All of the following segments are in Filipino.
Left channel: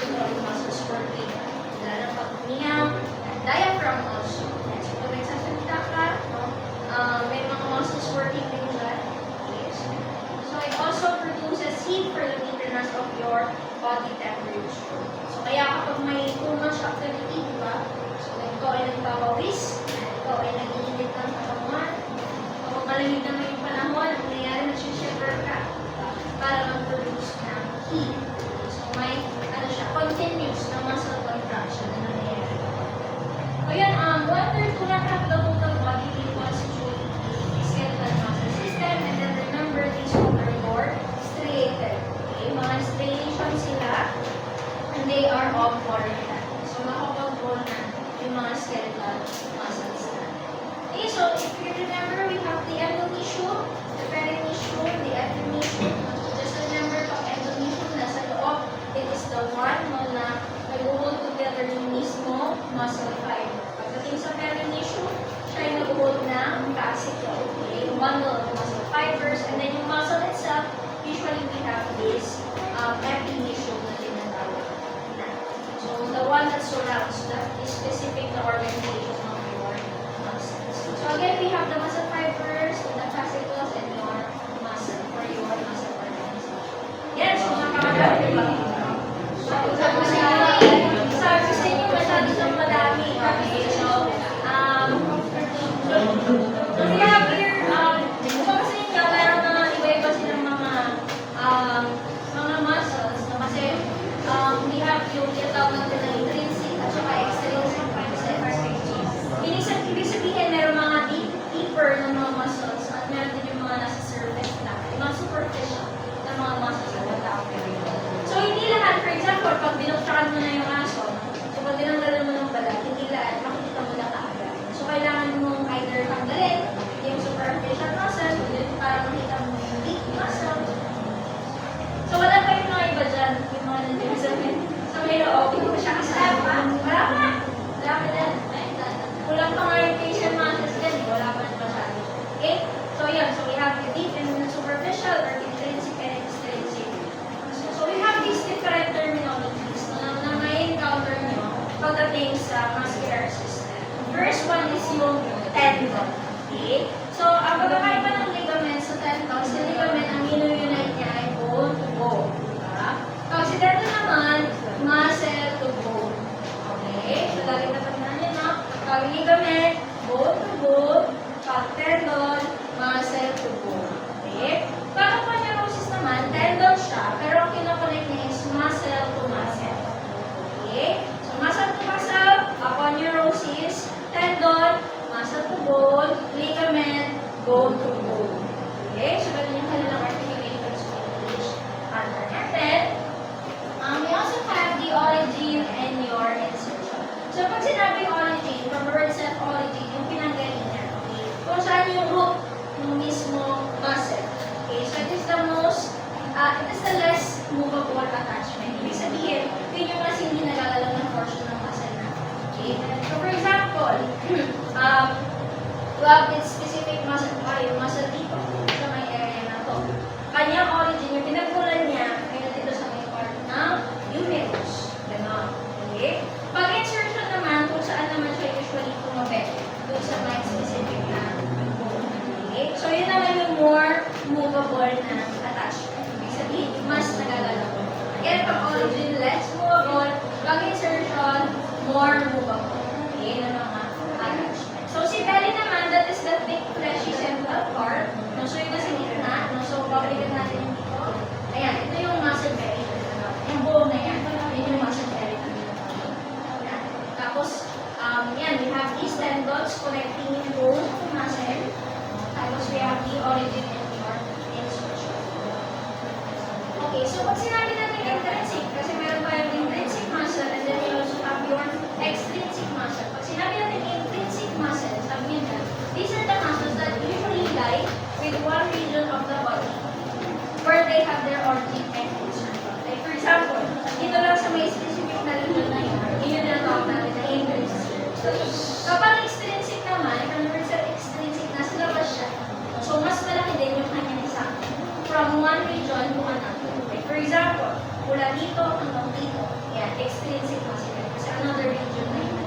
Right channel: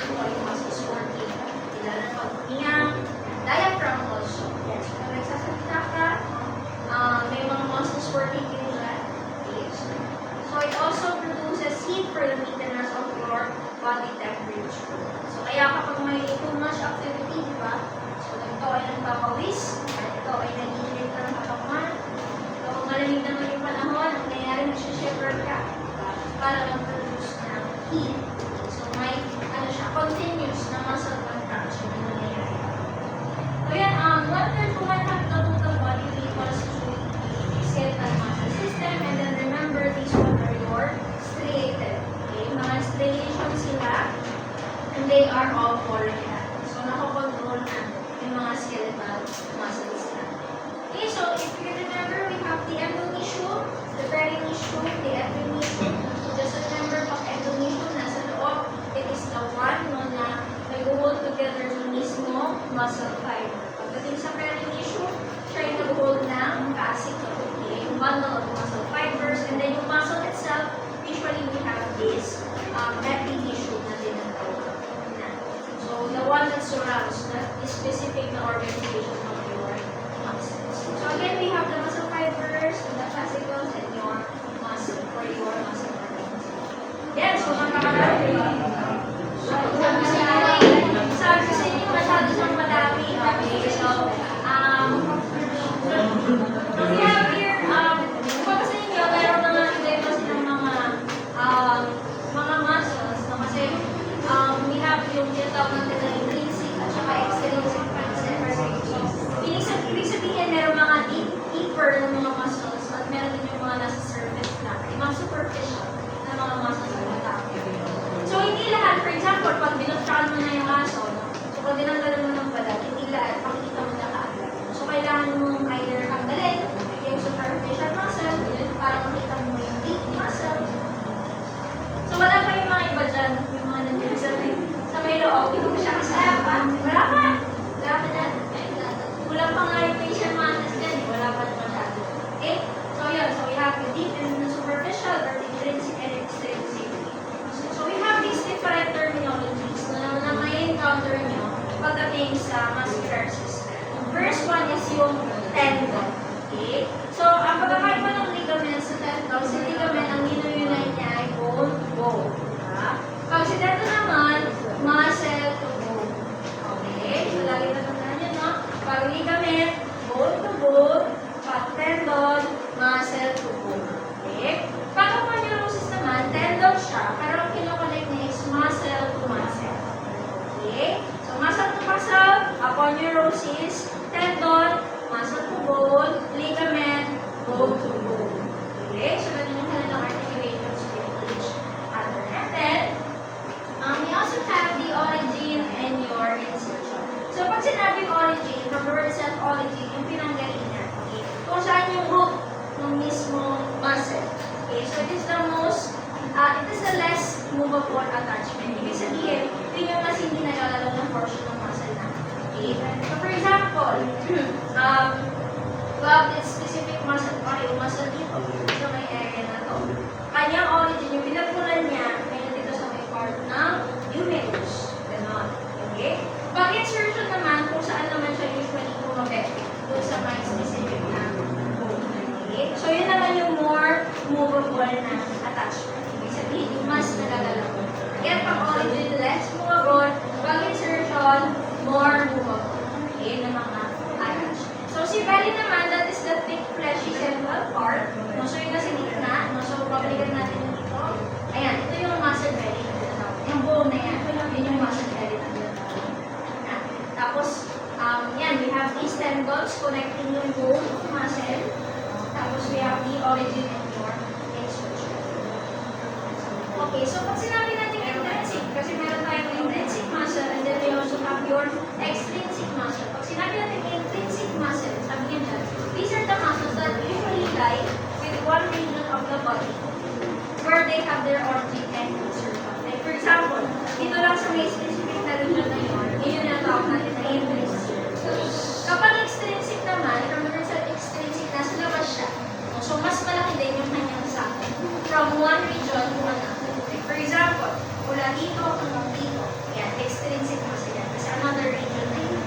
pulmonary muscles working. Lalo na pag umiyak, diaphragm also. Yes, so pag nagsasalita ka, may mga muscles working din dyan. Yes. So it also produces heat for the maintenance of your body temperature. So kaya kapag may too much activity, di ba? So ikaw ay nagpapawis, ikaw ay nag-iinit ng katawan. Kapag malamig naman yung panahon, ang nangyayari, nagsishiver ka, diba? Para mag-produce ng heat. So may, continuous na muscle contraction na nangyayari. So yan, 1/3 to 1/2 the total body weight constitute the skeletal muscle system. And then remember, these one are your striated. Okay? Mga striation sila, and they are all polymer. So nakapag-roll na yung mga skeletal muscles na. Okay, so if you remember, we have the endomysium, the perimysium, the epimysium. So just remember, pag endomysium nasa loob, it is the one na nag-hold together yung mismo muscle fiber. Pagdating sa perimysium, siya yung nag-hold ng fascicle. Okay, yung bundle of muscle fibers. And then yung muscle itself, usually we have this epimysium na tinatawag na. So the one that surrounds, that is specific na organization of your muscles. So again, we have the muscle fibers, the fascicles, and your muscle for your muscle organization. Yes, so makakadami ba? Sabi ko sa inyo, masyado siyang madami. Okay, so, we have here, kapag sa inyo, meron na iba kasi ng mga muscles, no? Kasi, we have yung tinatawag natin na intrinsic at saka extrinsic concepts. So, ibig sabihin, meron mga deeper na mga muscles at meron din yung mga nasa surface na, yung mga superficial na mga muscles na matapos. So, hindi lahat, for example, pag binuksan mo na yung aso, no? So, pag dinanggalan mo ng balat, hindi lahat, makikita mo na kaagad. So, kailangan mong either tanggalin yung superficial muscle, para makita mo yung deep muscle. So, wala pa yung mga iba dyan, yung mga nandiyan sa may loob, hindi mo siya kasama. Wala pa. Wala pa dyan. Kulang pa nga yung facial muscles dyan, wala pa dyan masyado. Okay? So, yun. So, we have the deep and the superficial, or intrinsic and extrinsic. So we have these different terminologies na may encounter nyo pagdating sa muscular system. First one is yung tendon. Okay? So, ang pagkakaiba ng ligament sa tendon, sa ligament, ang ino-unite niya ay bone to bone. Diba? Pag sa tendon naman, muscle to bone. Okay? So, lagi na pagkakaan nyo, no? Pag ligament, bone to bone. Pag tendon, muscle to bone. Okay? Pag aponeurosis naman, tendon siya, pero ang kinoconnect niya is muscle to muscle. Okay? So, muscle to muscle, aponeurosis, tendon, muscle to bone, ligament, bone to bone. Okay? So, ganun yung kanilang articulations with each other. And then, we also have the origin and your insertion. So, pag sinabing origin, from the word itself, origin, yung pinanggalingan. Okay? Kung saan yung root ng mismo muscle. Okay, so it is the less movable attachment. Ibig sabihin, yun yung mas hindi nagagalaw ng portion ng muscle natin. Okay? So for example, we have this specific muscle, yung muscle dito, sa may area na to. Kanyang origin, yung pinagmulan niya, ay dito sa may part ng humerus. Ganon. Okay? Pag insertion naman, kung saan naman siya usually kumabit, doon sa may specific na bone. Okay? So yun naman yung more movable na attachment. Ibig sabihin, mas nagagalaw. Again, pag origin, less movable. Pag insertion, more movable. Okay, na mga attachment. So, si belly naman, that is the thick, fleshy central part. No, so, yun nasa gitna. No, so, pabalikan natin yung dito. Ayan, ito yung muscle belly. Yung bone na yan, yun yung muscle belly na tinatawag. Tapos, yan, we have these tendons connecting yung bone to muscle. Tapos, we have the origin and your insertion. Okay, so pag sinabi natin intrinsic, kasi meron tayong intrinsic muscle and then we also have your extrinsic muscle. Pag sinabi natin intrinsic muscle, sabi nyo dyan, these are the muscles that usually lie with one region of the body where they have their origin and insertion. Like for example, dito lang sa may specific na region na yun, yun yung natawag natin na intrinsic. Kapag extrinsic naman, from the word extrinsic, nasa labas siya. So, mas malaki din yung kanyang sakit from one region to another. Like, for example, mula dito hanggang dito. Yan, extrinsic muscle yan. Kasi another region na yun.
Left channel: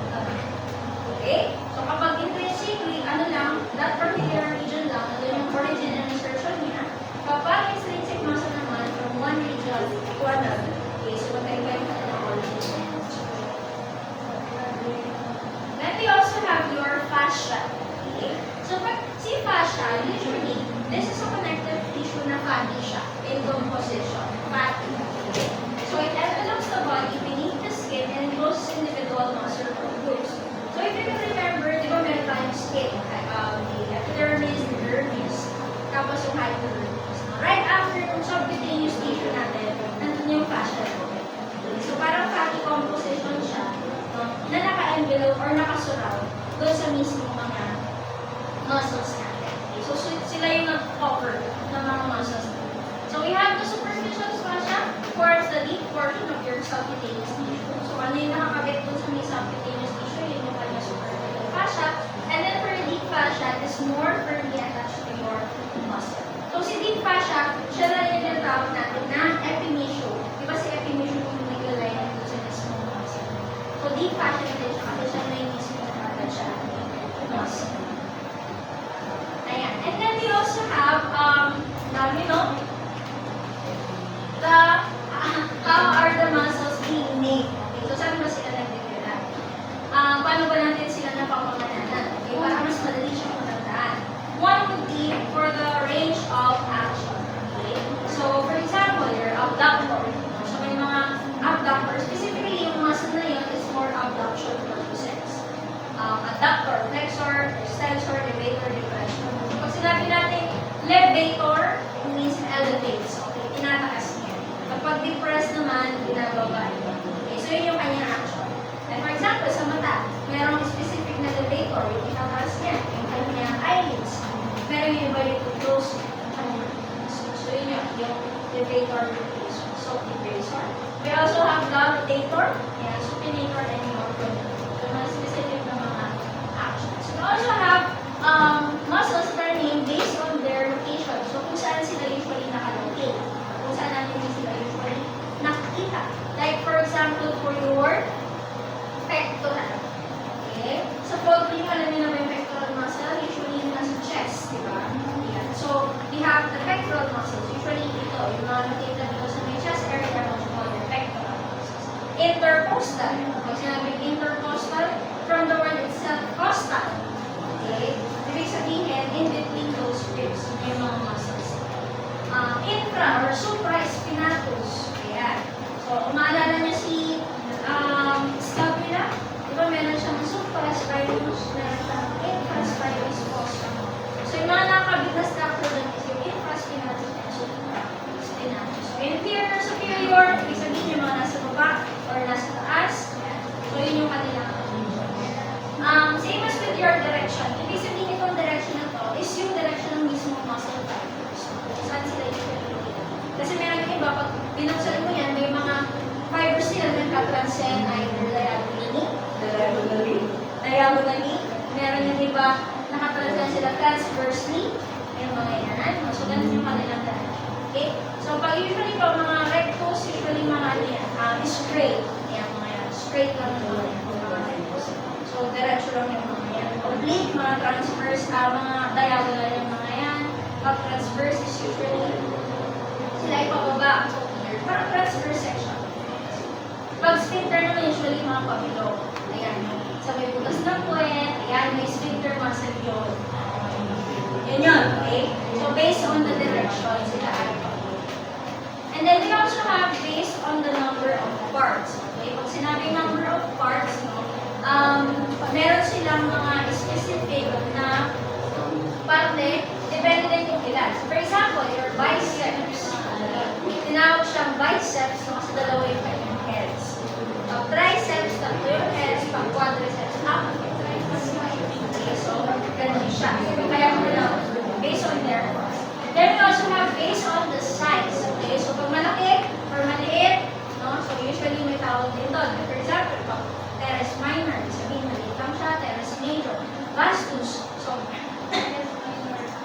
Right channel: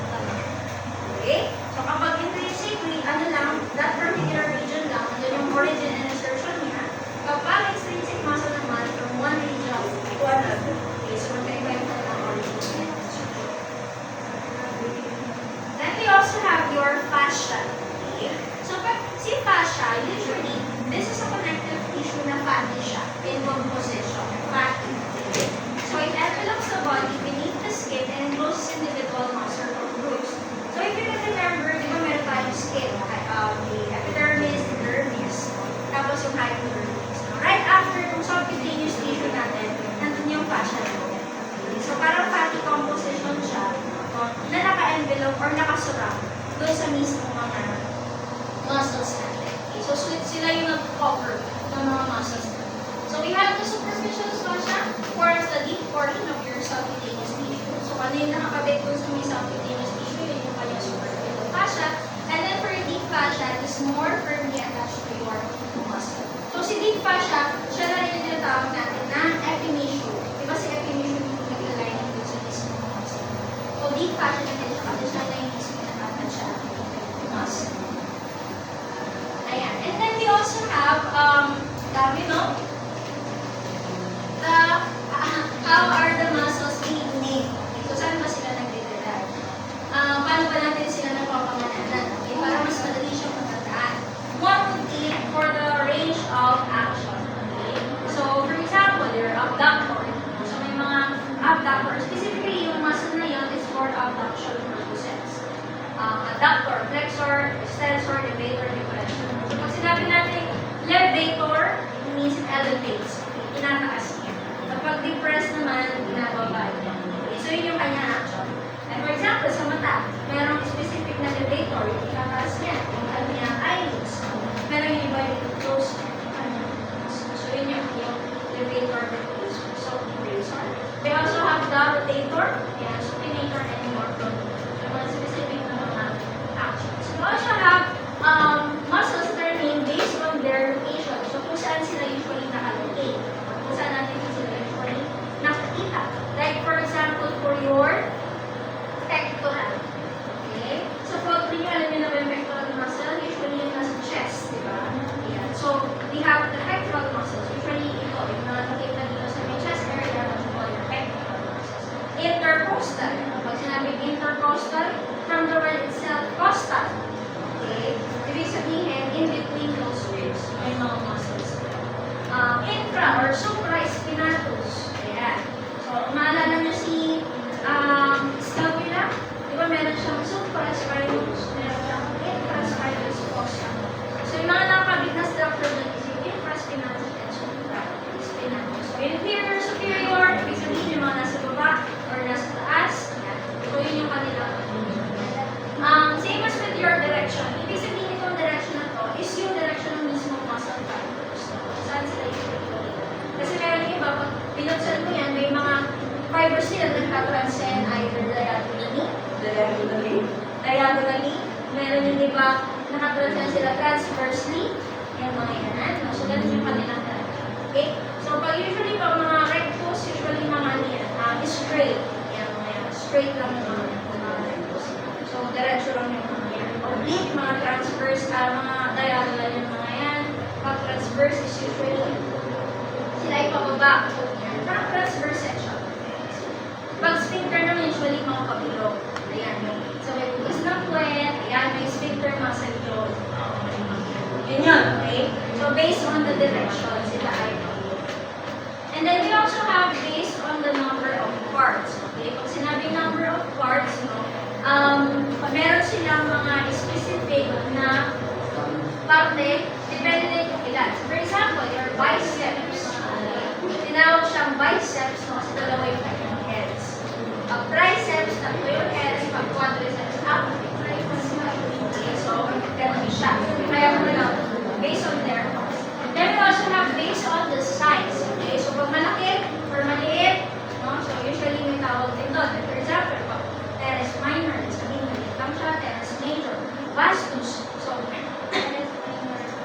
Okay? So kapag intrinsically, ano lang, that particular region lang, andun yung origin and insertion niya. Kapag extrinsic muscle naman, from one region to another. Okay, so magkaiba yung kanilang origin and insertion. Then we also have your fascia. Okay? So pag si fascia, usually, this is a connective tissue na fatty siya in composition. Fatty. Okay? So it envelopes the body beneath the skin and encloses individual muscle groups. So if you can remember, di ba meron tayong skin, the epidermis, the dermis, tapos yung hypodermis. Right after yung subcutaneous tissue natin, nandun yung fascia natin. So parang fatty composition siya, na naka-envelope or nakasurround doon sa mismo mga muscles natin. Okay? So sila yung nag-cover ng mga muscles natin. So we have the superficial fascia, forms the deep portion of your subcutaneous tissue. So ano yung nakakabit doon sa may subcutaneous tissue, yun yung kanya superficial fascia. And then for your deep fascia, it is more firmly attached to your muscle. So si deep fascia, siya na rin yung tinatawag natin na epimysium. Diba si epimysium yung nag-align doon sa mismo muscle. So deep fascia natin siya kasi siya na yung mismo nakatouch siya muscle. Ayan. And then we also have, you know, how are the muscles being made? Okay, so saan ba sila nagdidala? Paano ba natin sila napapangananan? Okay, para mas madali siyang matandaan. One would be for the range of action. Okay? So, for example, your abductor. So, may mga abductor. Specifically, yung muscle na yun is for abduction purposes. Adductor, flexor, extensor, levator, depression. So, pag sinabi natin levator, it means elevates. Okay, tinataas niya. Kapag depress naman, binababa niya. Okay, so yun yung kanyang action. And for example, sa mata, merong specific na levator, yung tinataas niya, yung kanyang eyelids. Meron yung iba rin to close niya, yung kanyang so yun yung levator, so depressor. They also have the rotator, and supinator, and motor. So mga specific na mga actions. We also have muscles that are named based on their location. So kung saan sila usually nakalocate. Kung saan natin sila usually nakikita. Like for example, for your pectoral. Okay? So probably alam niyo na ba yung pectoral muscle? Usually yung nasa chest, di ba? Yeah. So we have the pectoral muscles. Usually ito, yung mga nakikita dito sa may chest area, yung mga pectoral muscles. Intercostal. Pag sinabing intercostal, from the word itself, costal. Okay? Ibig sabihin, in between those ribs, may mga muscles. Infra or supraspinatus. Ayan. So, maalala niyo si scapula. Di ba meron siyang supraspinous, meron siyang infraspinous fossa. So, yung mga nakakabit na structure doon is yung infraspinatus and supraspinatus. So, inferior, superior, ibig sabihin yung mga nasa baba or nasa taas. Ayan. So, yun yung kanila. Same as with your direction. Ibig sabihin itong direction na to is yung direction ng mismo muscle fibers. Saan sila usually? Kasi meron yung iba, pag binuksan mo yan, may mga fibers nila na nagtatranscend either diagonally. Meron yung iba, nakatranscend sila transversely. Yung mga yan. So, ganun yung kanilang direction. Okay? So, pag usually, pag mga rectus, usually mga ano yan, straight. Yan, mga yan. Straight lang yung mga rectus. So, diretso lang yung mga yan. Oblique, mga transverse, mga diagonal yung mga yan. Pag transverse is usually sila ay pababa. So, parang transverse section. Pag sphincter naman usually mga pabilog. Ayan, sa may butas ng puwet, ayan, may sphincter muscle yun. Yun yun, okay? So, based on the direction, sila ay and then we also have based on the number of parts. Okay? Pag sinabing number of parts, no, meron silang mga specific na parte, depende kung ilan. So, for example, your biceps. Tinawag siyang biceps kasi dalawa yung kanyang heads. Pag triceps, tatlo yung heads. Pag quadriceps, apat yung triceps. Okay, so, ganun siya. Kaya mo na based on their parts. Then we also have based on the size. Okay, so pag malaki or maliit, no? So usually may tawag din doon. For example, pag teres minor, sabihin maliit lang siya, teres major. Vastus. So,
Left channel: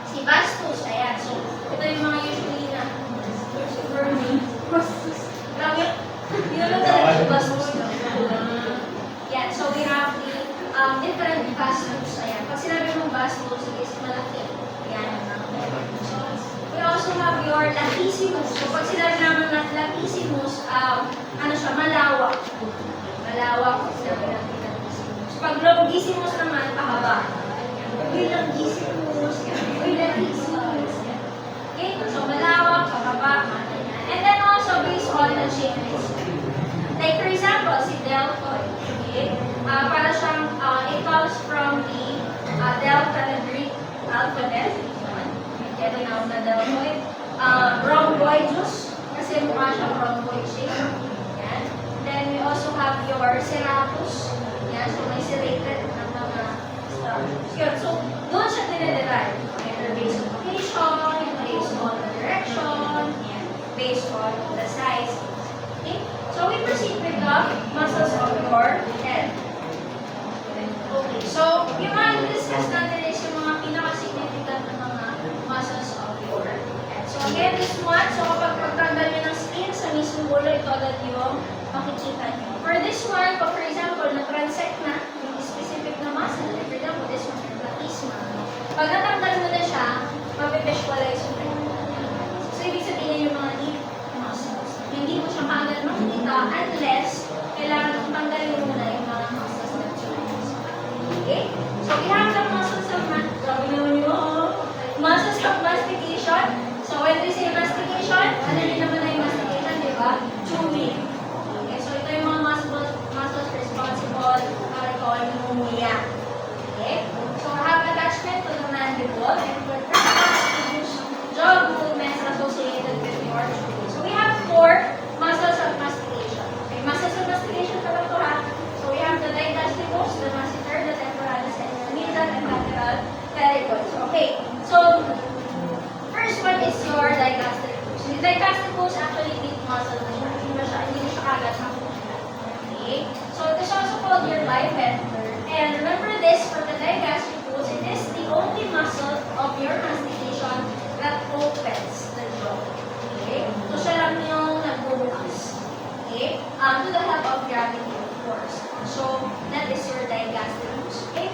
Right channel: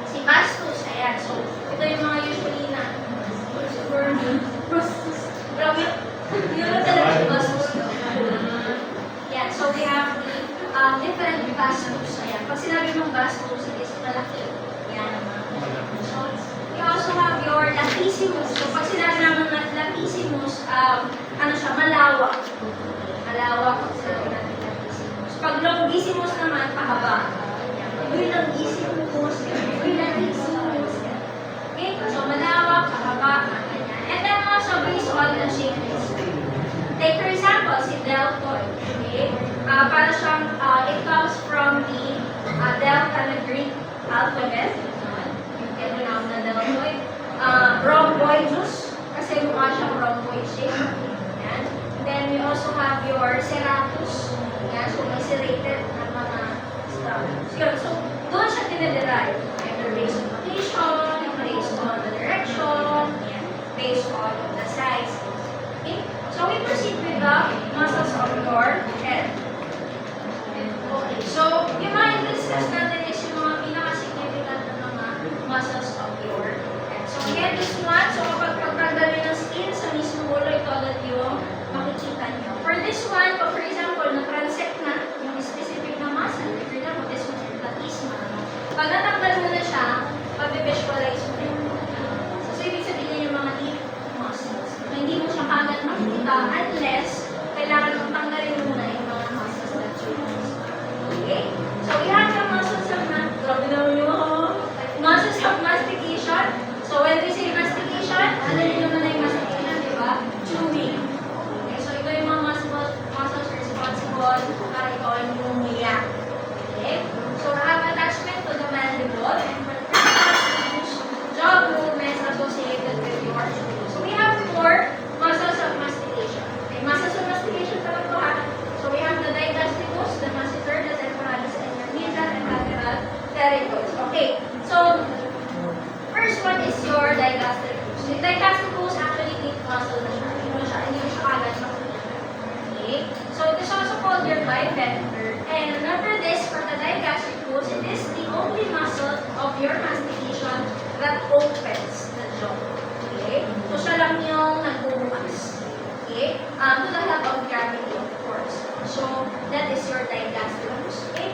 si vastus, ayan. So, ito yung mga usually na super vastus. Grabe, yun na talaga si vastus. different gastrus. Ayan. Pag sinabi mong gastrus, is malaki. Yan. You also have your latissimus. So, pag sinabi naman na latissimus, ano siya, malawak. Malawak pag sinabi natin latissimus. Pag longissimus naman, pahaba. Uy, longissimus. Uy, latissimus. Okay? So, malawak, pahaba, ganyan. And then also, based on the changes. Like, for example, si deltoid. Okay? Para siyang, it comes from the delta na Greek alphabet. Kaya tinawag na deltoid. Rhomboidus, kasi mukha siyang rhomboid shape. Yan. Then we also have your serratus. Yan. So may serrated na mga structures. Yun. So doon siya dinederive. Either based on location, based on the direction, yan. Based on the size. Okay? So we proceed with the muscles of your head. Okay. So yung mga discuss natin is yung mga pinaka-significant na mga muscles of your head. So again, this one, so kapag pagtanggal nyo ng skin sa mismong ulo, ito agad yung makikita nyo. For this one, pag for example, na-transect na yung specific na muscle, like for example, this one, yung latissimus. Pag natanggal mo na siya, mabivisualize mo yun. So ibig sabihin yung mga deep muscles. Hindi mo siya kaagad makikita unless kailangan mong tanggalin muna yung mga muscles na choose. Okay? So we have the muscles of muscles of mastication. So when we say mastication, ano rin naman na yung mastication, di ba? Chewing. Okay, so ito yung mga muscles responsible para ito ay pneumonia. Okay? So I have attachment to the mandible and performance jaw movements associated with your chewing. So we have 4 muscles of mastication. Okay, muscles of mastication pala ito ha. So we have the digastricus, the masseter, the temporalis, and your nasal and lateral pterygoids. Okay, so first one is your digastricus. The digastricus actually deep muscle na siya. Hindi mo siya agad makikita. Okay? So it is also called your biventer. And remember this, for the digastricus, it is the only muscle of your mastication that opens the jaw. Okay? So siya lang yung nagbubukas. Okay? To the help of gravity, of course. So that is your digastricus. Okay?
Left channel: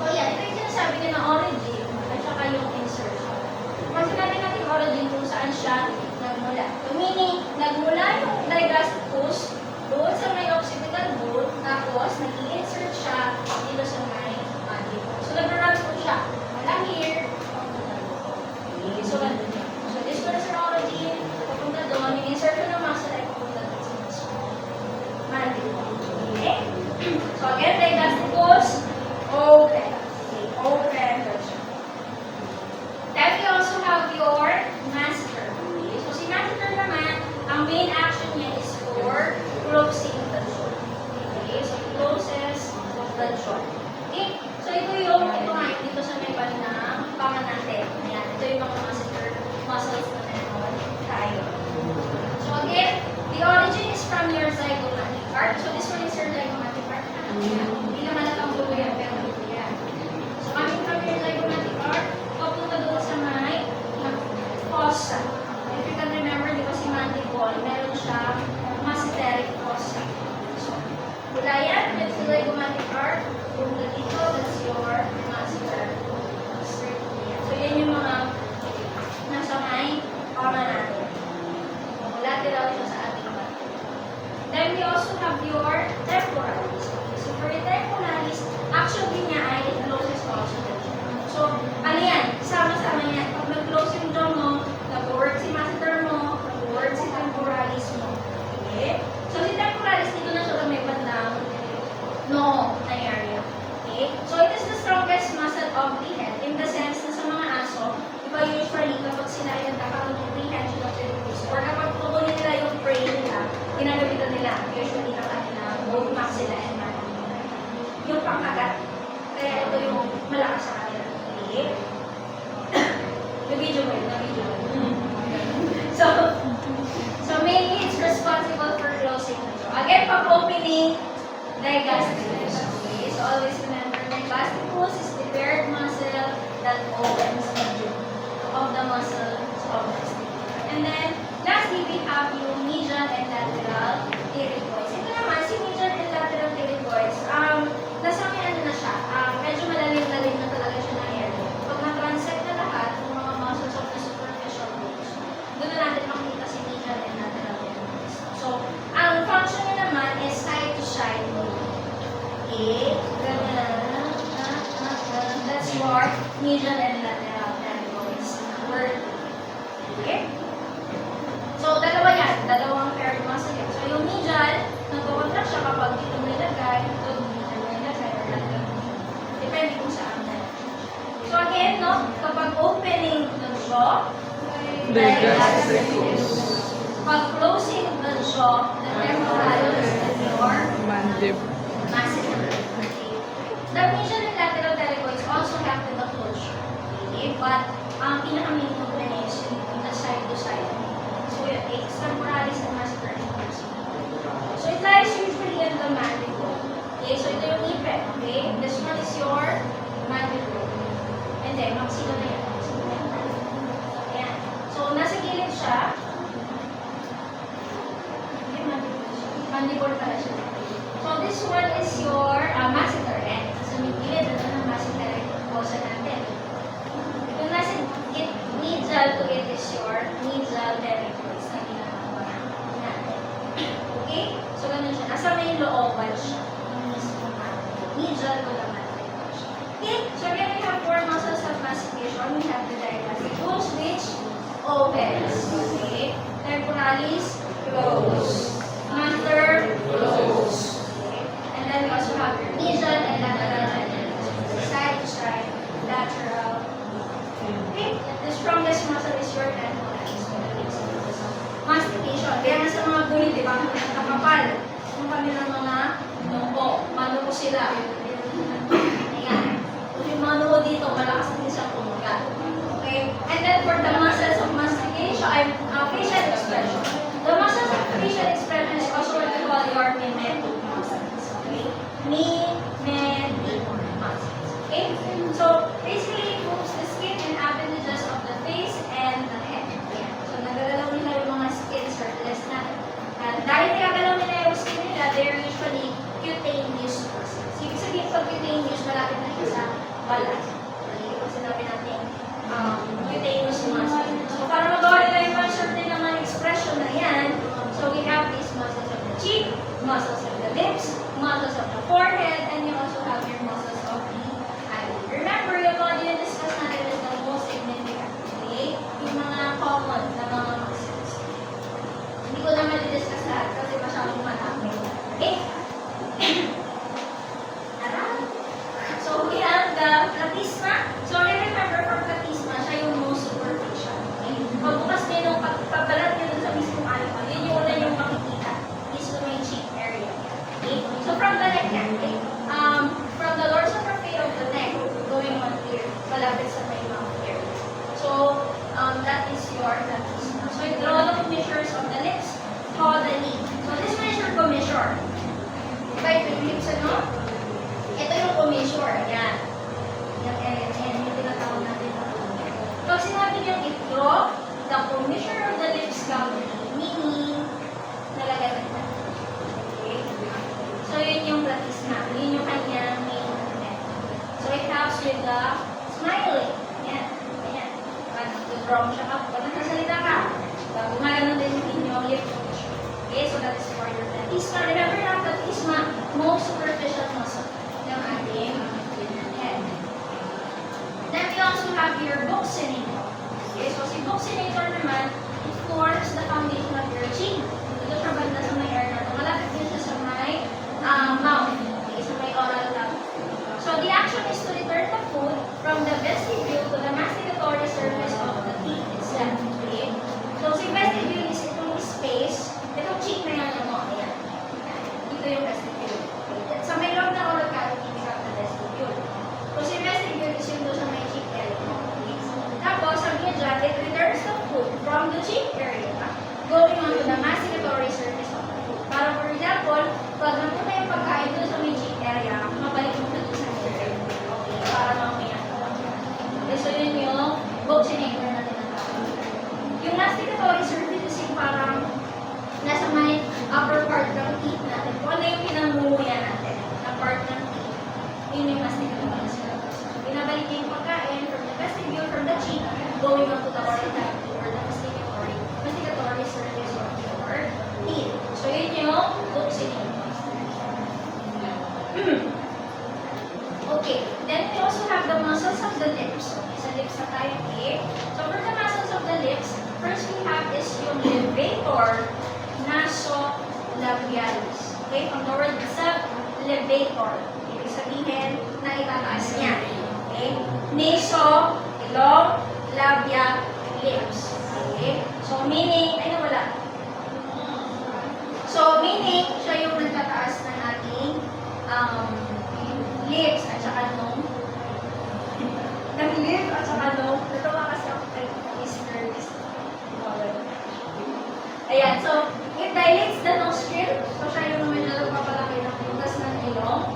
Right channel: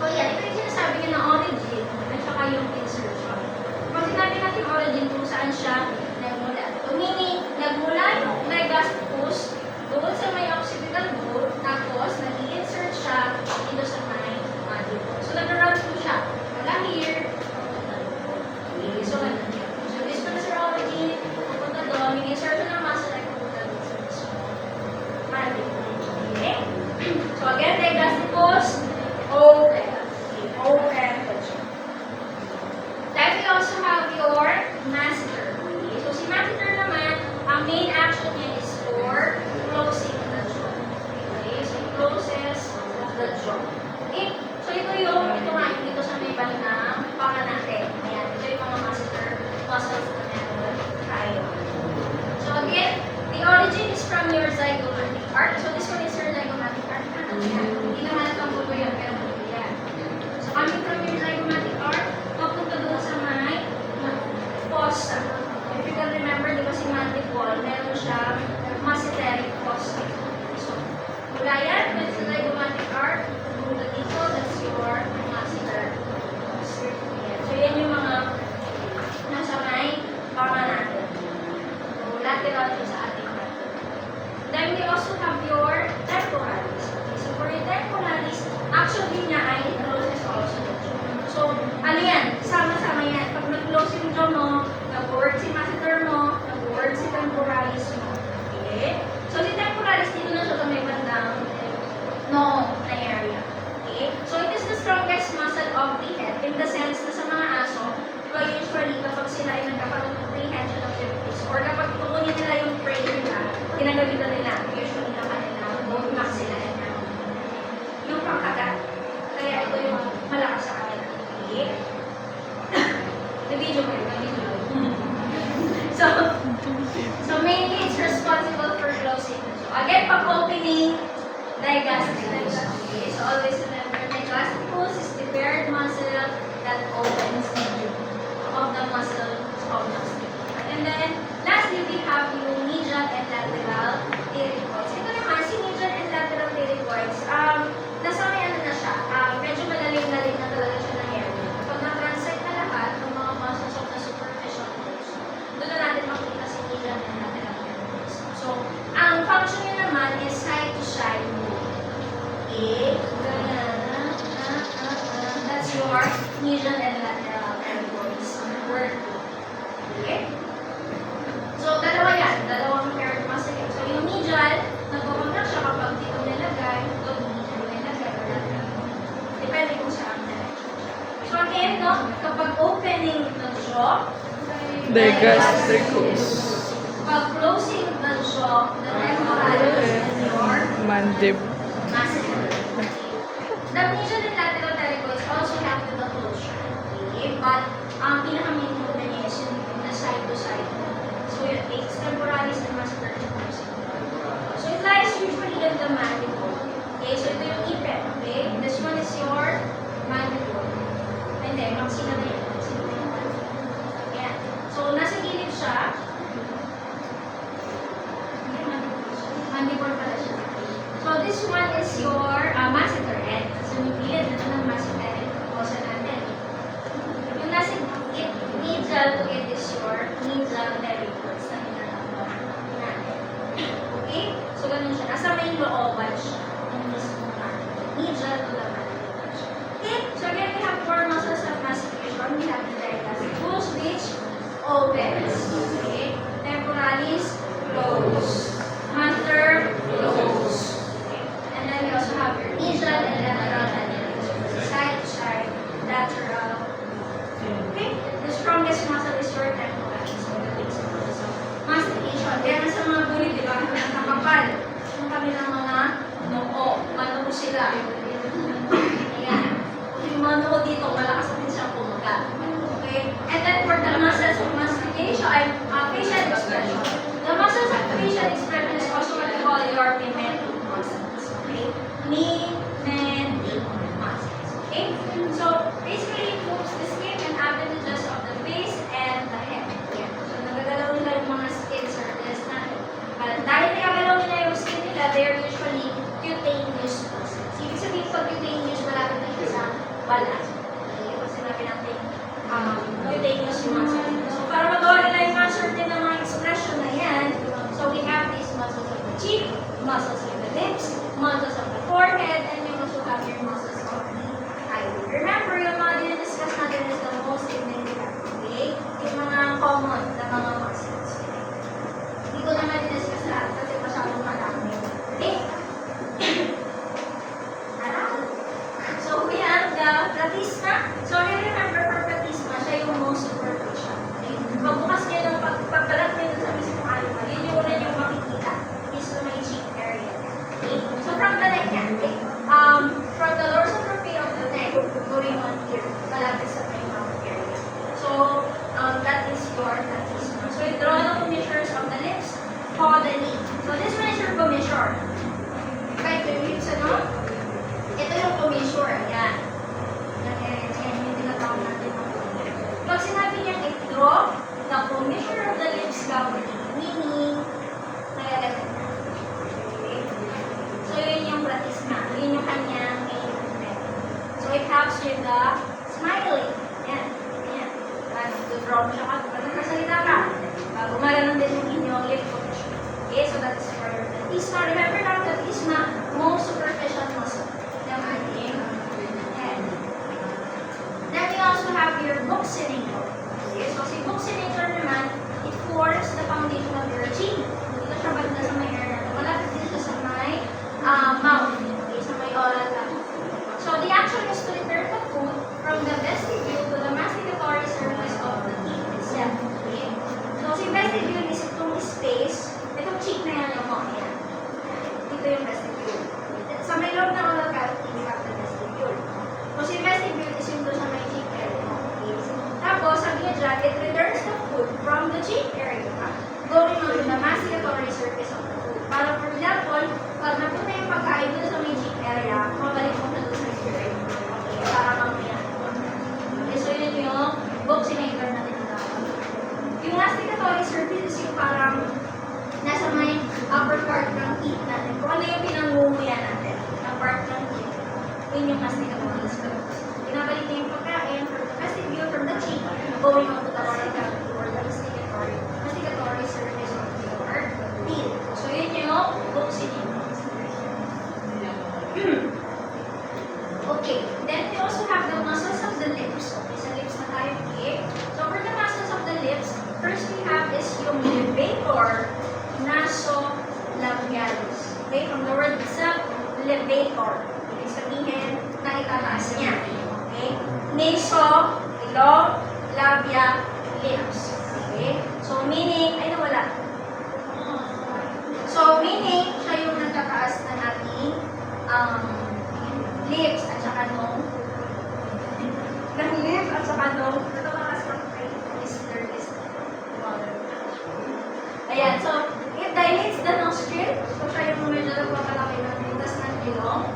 So yan, ito yung sinasabi ko ng origin at saka yung insertion. Kung sinabi natin origin kung saan siya nagmula. So meaning, nagmula yung digastricus doon sa may occipital bone, tapos nag-i-insert siya dito sa may mandible. So nag-run po siya. Mula here, papunta doon. Okay, so ganun yan. So this was your origin, papunta doon, yung insertion ng muscle ay papunta doon sa mismo mandible. Okay? So again, digastricus, open. Open. Then we also have your masseter. Okay? So si masseter naman, ang main action niya is for closing the jaw. Okay? So it closes the jaw. Okay? So ito nga dito sa may balik ng panga natin. Ayan, ito yung mga masseter muscles na meron tayo. So again, the origin is from your zygomatic arch. So this one is your zygomatic arch. Ayan. Hindi naman natanggulo yan, pero yan. So coming from your zygomatic arch, papunta doon sa may fossa. If you can remember, di ba si mandible, meron siya masseteric fossa. So, mula yan, with the zygomatic arch, papunta dito, that's your masseter fossa. So yan yung mga nasa may panga natin. Lateral ito sa ating bato. Then we also have your temporalis. Okay, so for your temporalis, actually niya ay it closes also the jaw. So, ano yan? Sama-sama yan. Pag nag-close yung jaw mo, nag-work si masseter mo, nag-work si temporalis mo. Okay? So, si temporalis dito na siya may bandang no na area. Okay? So, it is the strongest muscle of the head in the sense na sa mga aso, di ba usually kapag sila ay nagkakaroon ng prehension of their food, or kapag kukunin nila yung prey nila, ginagamitan nila usually ng kanilang bone maxilla and yung pangkagat. Kaya ito yung malakas sa kanila. Okay? Na-video mo yun, na-video mo yun. So mainly it's responsible for closing the jaw. Again, pag-opening, digastricus. Okay? So always remember, digastricus is the paired muscle that opens the jaw of the muscle of the stick. And then, lastly, we have yung medial and lateral pterygoids. Ito naman, si medial and lateral pterygoids, nasa may ano Okay. Ganyan. That's your medial and lateral territories. Okay? So, dalawa yan. Dalawang paired muscle yan. So, yung medial, nagkakontract siya kapag dito nilagay, o dito nilagay, or lateral. Depende kung saan direction. So, again, no, kapag opening the jaw, Digastricus. pag closing the jaw, the temporalis and your Mandible. masseter. The medial and lateral pterygoids also have the closure. Okay? But ang pinaka-main component is yung the side-to-side. So yung extemporalis and masseter is so it lies usually in the mandible. Okay? So ito yung ipet. Okay? This one is your mandible. And then, maxilla na yan. Maxilla na yan. Ayan. So nasa gilid siya. Okay, mandible pala siya. So this one is your masseter end. So may gilid na ng masseter end. Puposa natin. Yung nasa medial to it is your medial pterygoids na ginagawa natin. Okay? So ganun siya. Nasa may looban siya. Yung mismo mandible. Medial to the mandible siya. Okay? So again, we have four muscles of mastication. We have the digastricus, which opens. Okay? Temporalis, close. Masseter, close. And then we also have your medial and lateral mandibles. Side to side, lateral. Okay? The strongest muscle is your temporalis. Mastication. Kaya nga sa mga bulit, di ba? Nakakapal. Yung kanilang mga noo. Manuko sila. Ayan. Yung mga noo dito, malakas din siyang kumagat. Okay? And then for the muscles of mastication, facial expression. The muscles of facial expression is also what we call your mimetic muscles. Okay? Mimetic muscles. Okay? So, basically, it moves the skin and appendages of the face and the head. Yeah. So, nagagalaw nila yung mga skin circles natin. Dahil nagagalaw nila yung skin nila, they're usually cutaneous muscles. Ibig sabihin, pag cutaneous, malapit na siya sa balat. Okay? Kasi sinabi natin, cutaneous muscles. So, para magawa nila yung mga certain na mga expression na yan, so we have these muscles of the cheek, muscles of the lips, muscles of the forehead, and you also have your muscles of the eyelid. Remember, yung mga dinidiscuss natin is the most significant, okay? Yung mga common na mga muscles. Hindi ko naman i-discuss lahat kasi masyadong malaki. Okay? So we have the platysma. So remember, for platysma, siya yung most superficial. Okay? Pagbukas niyo nung pagpapalat niyo dun sa mismong alma, yun yung una yung makikita. Is the main cheek area. Okay? So from the neck yan, okay? From the dorsal trapea of the neck, going on here, malapit sa may mouth area. So, that is your platysma. So, draw the commissures of the lips, caudally. So, this one is your commissure. Kahit yung lips, ano? Ito yung commissure. Yan. Yan yung tinatawag natin. So, sinabi niyang i-draw the commissure of the lips caudally, meaning, nagaganda. Okay? So, yun yung platysma. Yun yung kanyang main method. So, it helps with the smiling. Yan. Yan. Nag-draw mo siya ka. Pag nagsasalita ka, gumagano din yung inyong lip commissure. Okay? So, that is for your platysma. Remember na platysma, most superficial muscle ng ating head. Then, we also have your buccinator. Okay? So, si buccinator naman, it forms the foundation of your cheek. Dito siya banda sa may air natin. Malapit din siya sa may mouth. Okay? Sa may oral cavity. So, the action is to return the food from the vestibule to the masticatory surface of the teeth itself. Okay? So, si vestibule is itong space, itong cheek na yan mo. Ayan. Dito yung vestibule. Okay? Sa may loob ng oral cavity, we have the vestibule. So, si vestibule is yung doon sa may cheek area. Okay? Tapos, sabi niya dyan, it returns the food from the cheek area going on to the masticatory surface of the food. Para, for example, pag napunta yung pagkain doon sa may cheek area, mabalik mo na doon sa hair. Okay? Para mamaya. Okay, so yun yung buccinator na tinatawag. Yung masticatory surface is yung parang nasa may upper part ng teeth natin. Kung ano yung pinangunguya natin na part ng teeth, yun yung masticatory surface. Pinabalik niya yung pagkain from the vestibule, from the cheek, going on to the oral cavity or the masticatory surface of your Okay? From the word itself, levator. Ibig sabihin na itataas niya. Okay? Naso, ilong, labia, lips. Okay? So, meaning, ay nawala. So, meaning, siya yung nagtataas na nating lips at saka nung lips at saka nung natuwa kasi ako kay Mr. Ayan, so, it dilates the nostril. So, siya yung medyo nagpapalaki ng pintas ng ilong.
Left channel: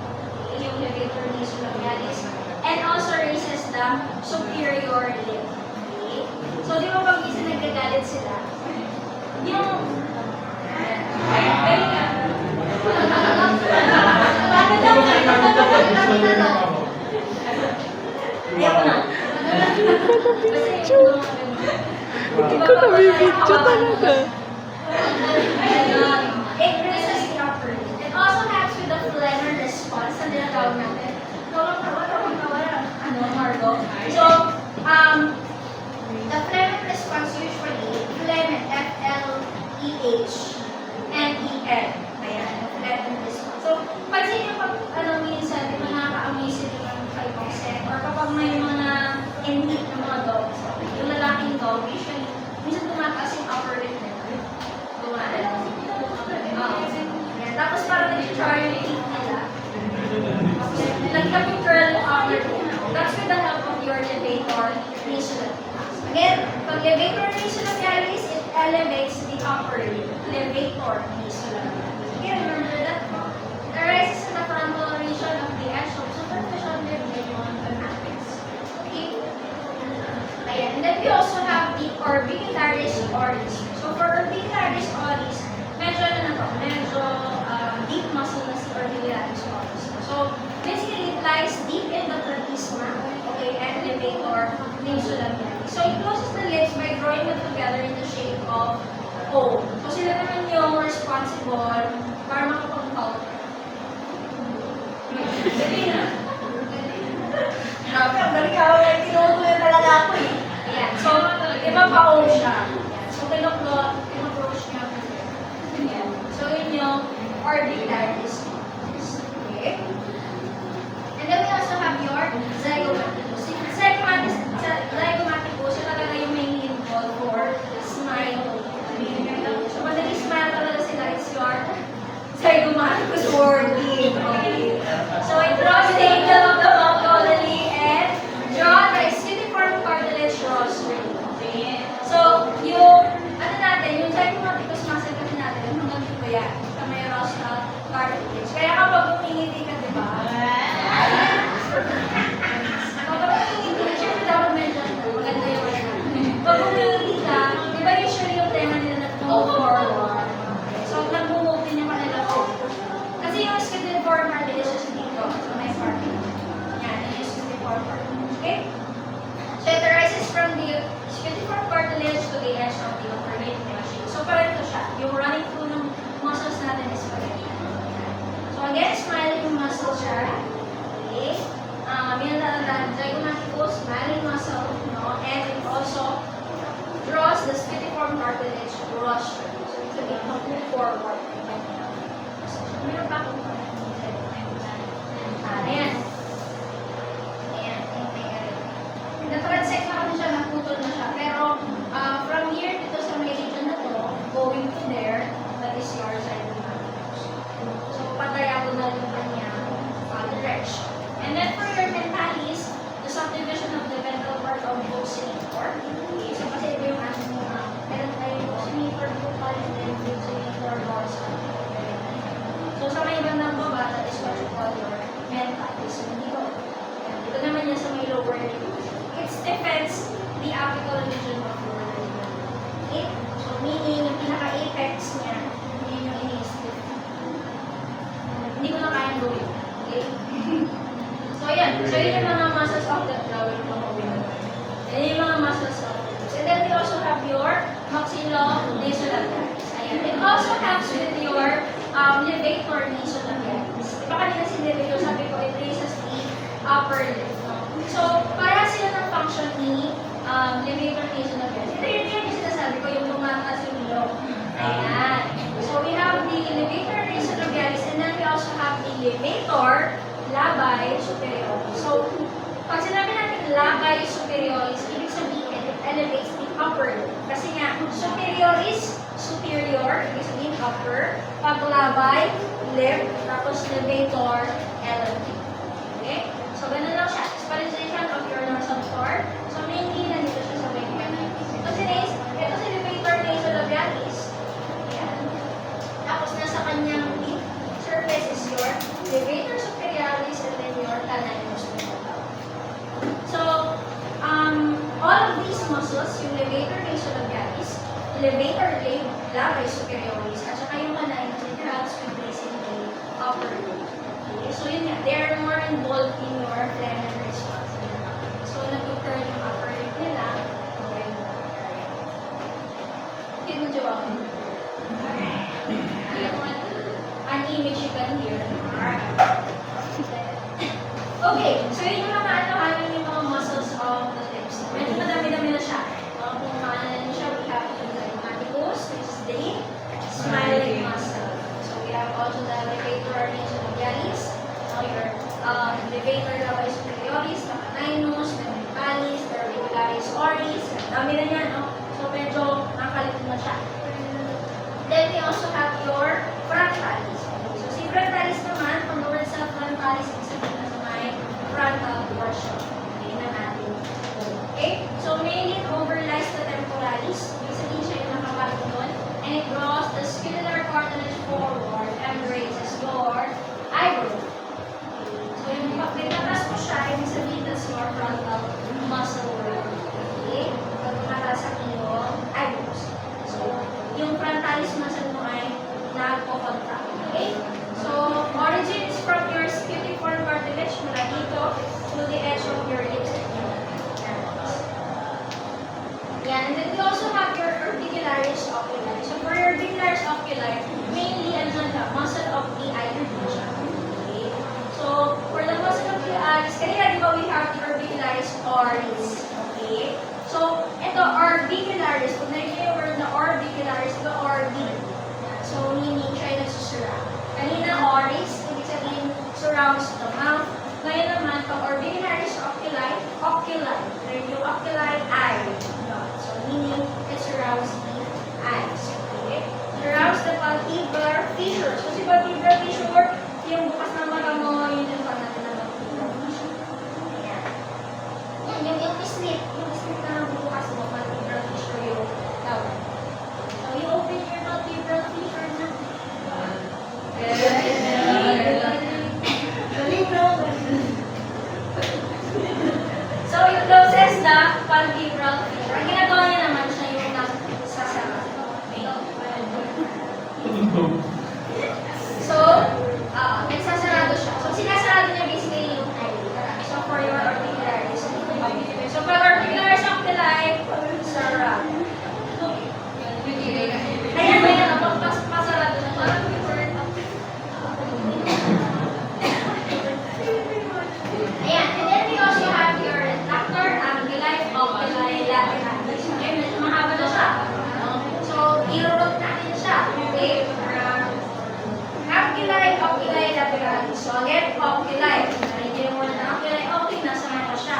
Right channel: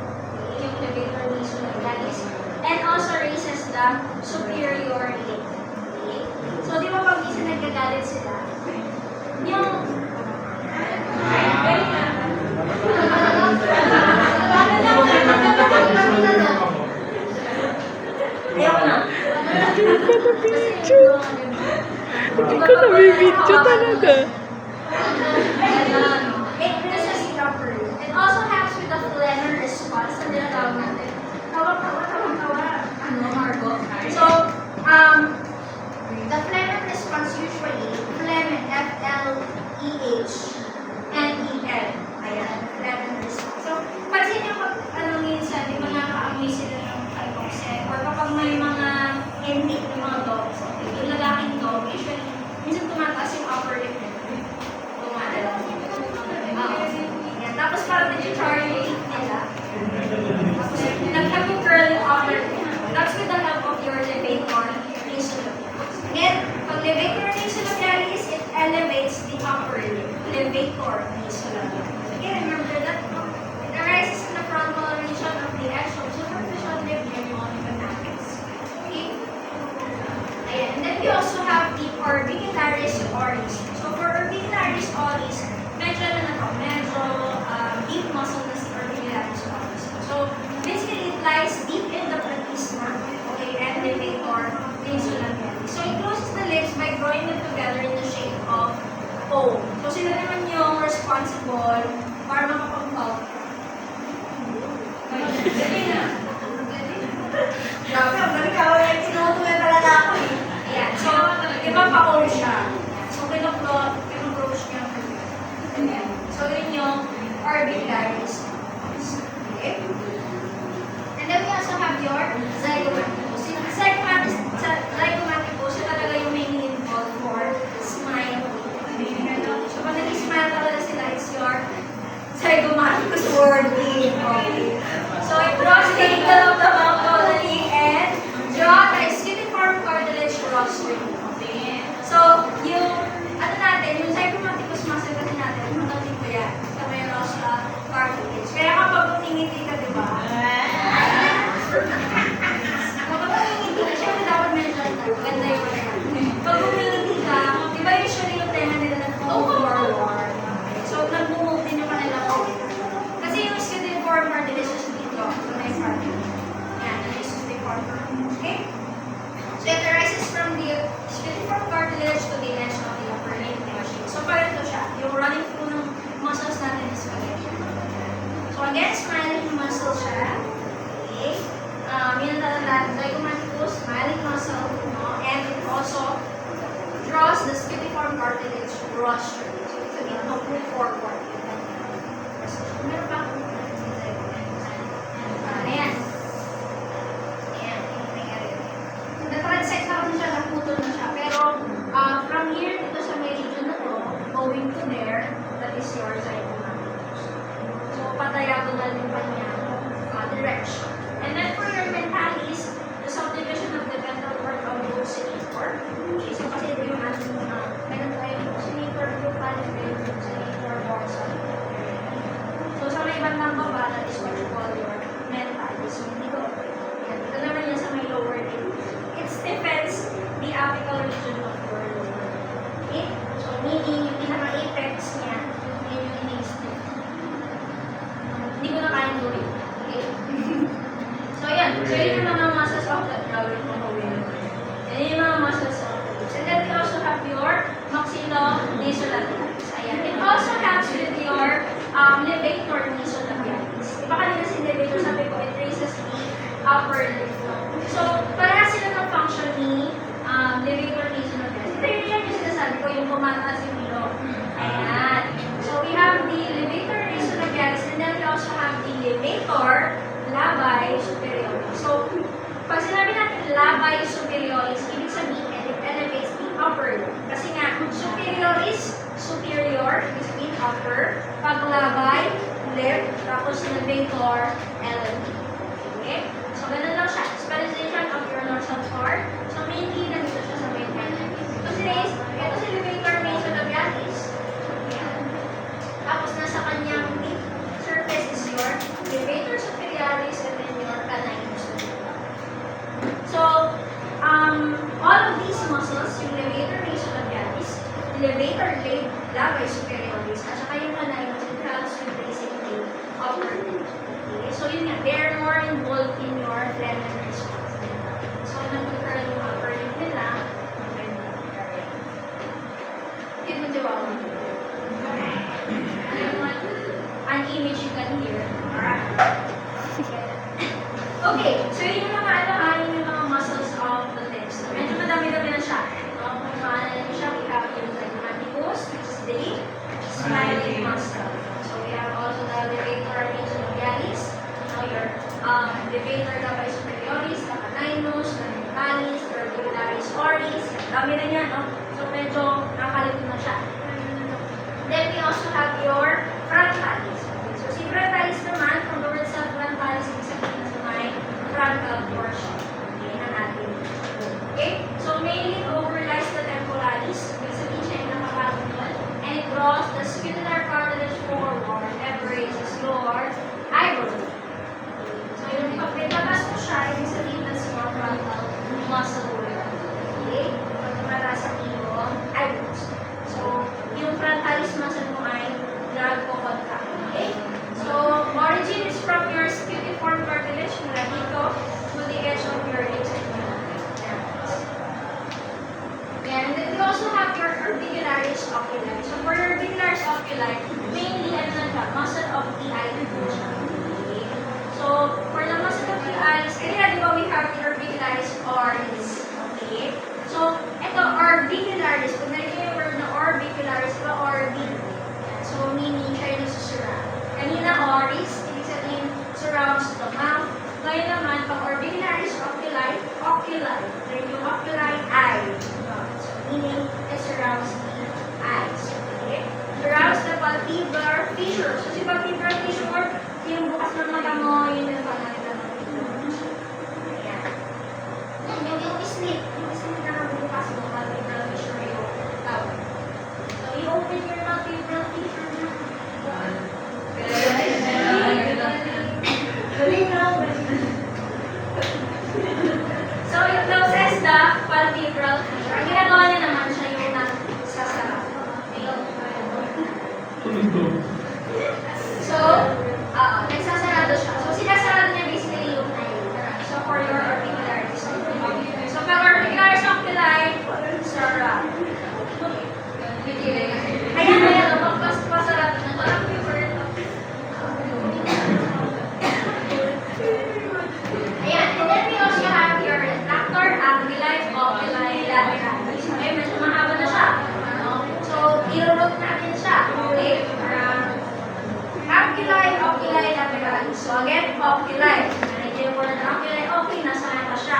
Yung levator nasolabialis. And also raises the superior lip. Okay? So, di ba pag minsan nagkagalit sila, yung Hindi ko nabibidyo talaga. It raises the upper lip. It also helps with the phlegm response na tinatawag natin. Tawa, Margo. So, the phlegm response usually, phlegm, F-L-E-H, N-E-L. Ayan, phlegm response. So, pansin niyo pag, minsan, di ba nakaka-amoy sila ng hypoxia, or kapag may mga ending ng mga dogs, yung lalaking dog, usually, minsan tumataas yung upper lip nila. Tumalala. Yan. Tapos parang nag-char yung teeth nila. Tapos nagtag yung curl yung upper lip. That's with the help of your levator nasolabialis. Again, pag levator nasolabialis, it elevates the upper lip. Levator nasolabialis. Again, remember that it arises in the frontal region of the edge of superficial lip and the matrix. Okay? Ayan. And then we also have the orbicularis oris. So for orbicularis oris, medyo deep muscle na si orbicularis oris. So basically it lies deep in the platysma, okay, and levator nasolabialis. So it closes the lips by drawing them together in the shape of O. So sila naman yung responsible para makapag-talk. Sige na. Grabe, ang galing ako. Tinutuloy talaga ako eh. Ayan. So, iba pa O siya. So, pinapproach niya. Ayan. So, yun yung orbicularis. Okay? And then we also have your zygomaticus. Yung zygomaticus, siya talaga yung mainly involved for smile. So, pag nag-smile talaga sila, it's your zygomaticus working. Okay. So, it draws the angle of the mouth caudally and draw the skinniform cartilage rostrum. Okay. So, yung, yung zygomaticus muscle kasi natin, hanggang dito yan. Sa may rostral cartilage. Kaya kapag umingiti ka, di ba? Kapag umingiti ka, syempre dapat medyo maganda yung wala. Pag umingiti ka, di ba usually yung tenga nila nag-forward? So, nag-move din yung kanila forward. Kasi yung skinniform cartilage is dito. So, may cartilage. Yan, yung skinniform cartilage. Okay? So, it arises from the skinniform cartilage to the edge of the upper lip. So, parito siya. Yung running through ng muscles natin is parito. So, again, smiling muscle siya. Okay? Yun na zygomaticus, smiling muscle, no? And it also draws the skinniform cartilage rostrum. So, it's a bit move forward. Meron pa akong ayan. Ayan. Na-transect ako na siya, naputol na siya. Pero, from here, dito sa may region na to, going to there, that is your zygomaticus. So, pa-diagonal yung kanyang direction. And then, for your mentalis, the subdivision of the ventral part of the ocellator. Okay, so kasi ito yung ating meron tayong ocellator, buccal, and then ocellator dorsal. So, sa may bandang baba, that is what you call your mentalis. So, dito, yan. Dito naman yan sa may lower lip. It stiffens the apical region of your lip. Okay? So, meaning, yung pinaka-apex niya, yun yung ini-stiff. Hindi ko na kayang gawin. Okay? So, yan. So, yun yung mga muscles of the gawin ko. Yan yung mga muscles of the lips. And then, we also have your maxillo-nasolabialis. Ayan. It also helps with your levator nasolabialis. Iba kanina si levator, sabi ko, it raises the upper lip. So, para sila ng function ni levator nasolabialis. Ito yun yung sinasabi ko, yung tumataas yung ilong. Ayan. So, we have the levator nasolabialis and elevator, labay, superioris. So, pag sinabi natin labay, superioris, ibig sabihin, it elevates the upper. Kasi nga, superioris, superior, ibig sabihin upper. Pag labay, left, tapos elevator, elevate. Okay? So, ganun lang siya. Specialization of your dorsal part. So, mainly, nandito siya sa main head. Ito si Race, ito si elevator nasolabialis. Ayan. Tapos, nasa kanyang surface is your elevator superiorus and then your canine So, all of these muscles, yung levator nasolabialis, elevator labay superioris, at saka yung canine interacts with basically upper lip. Okay? So, yun nga, they are more involved in your frenulum response. So, nag-occur yung upper lip nila, ang frenulum area. Okay, mo jawab mo. An image you can hear. Okay, so yun yung mga yung mga muscles of the lips. Medyo madami-dami na siya. Kung paano na siya, we have yung zygomaticus, which is the smiling muscle. So we have also the levator nasolabialis, your levator labay superioris, the caninus, the mentalis, the orbicularis oris. Dami na niya, no? So medyo nakalito na siya. Then we also have your frontalis. So si frontalis naman, from the word sa frontalis, ibig sabihin na sa may frontal portion. Okay, na natin. Okay? So mainly it overlies the temporalis. Ibig sabihin siya yung nakapatong doon. And it draws the scapular cartilage forward and raises your eyebrow. So yung pag nagtatas mo siya, ibig sabihin that's your frontal muscle weight. Okay? Pag para sa iyong eyebrows. So, yung frontalis muscle mo ay nagpo-contract. Okay? So, origin is from your scutifort cartilage mula dito to the edge of your lips and your airways. Yan. And then we also have your orbicularis oculi. So, for your orbicularis oculi, mainly, ano na siya, muscle of the eye din siya. Okay? So, for the muscle of the eyes, kanina di ba we have the orbicularis oris. Okay? So, ito, orbicularis. Pag narinig yung word na orbicularis, ito, orbi. So, meaning siya yung nasusurround. Kanina, oris, ibig sabihin, surrounds the mouth. Ngayon naman, pag orbicularis oculi, oculi. Then yung oculi, eye. So, meaning, it surrounds the eyes. Okay? Surrounds the palpebral fissure. So, si palpebral fissure, yung bukas ng mata mo, yun yung pag natin na palpebral fissure. Ayan. Yan, yung sleep. Yung sleep na bukas mo, palpebral fissure yung tawag. So, you open your palpebral fissure na. So, yung closest na palpebral fissure. Ang ginagawa niya naman siya yung nagsasara. So, nagsasarado siya. So, sinasarado niya basically yung eyelid. So, for your orbicularis. So, pag orbicularis oculi, sarado. Ayan, pasarado na. Parang preferred. Ayan, and then we also have your retractor, anguli, oculi, lateralis. Okay, medyo mahaba na siya. So, i-root natin siya. Okay? Anguli, oculi, lateralis. So, again, oculi. Narinig yung word na oculi, okay, nasa mata siya.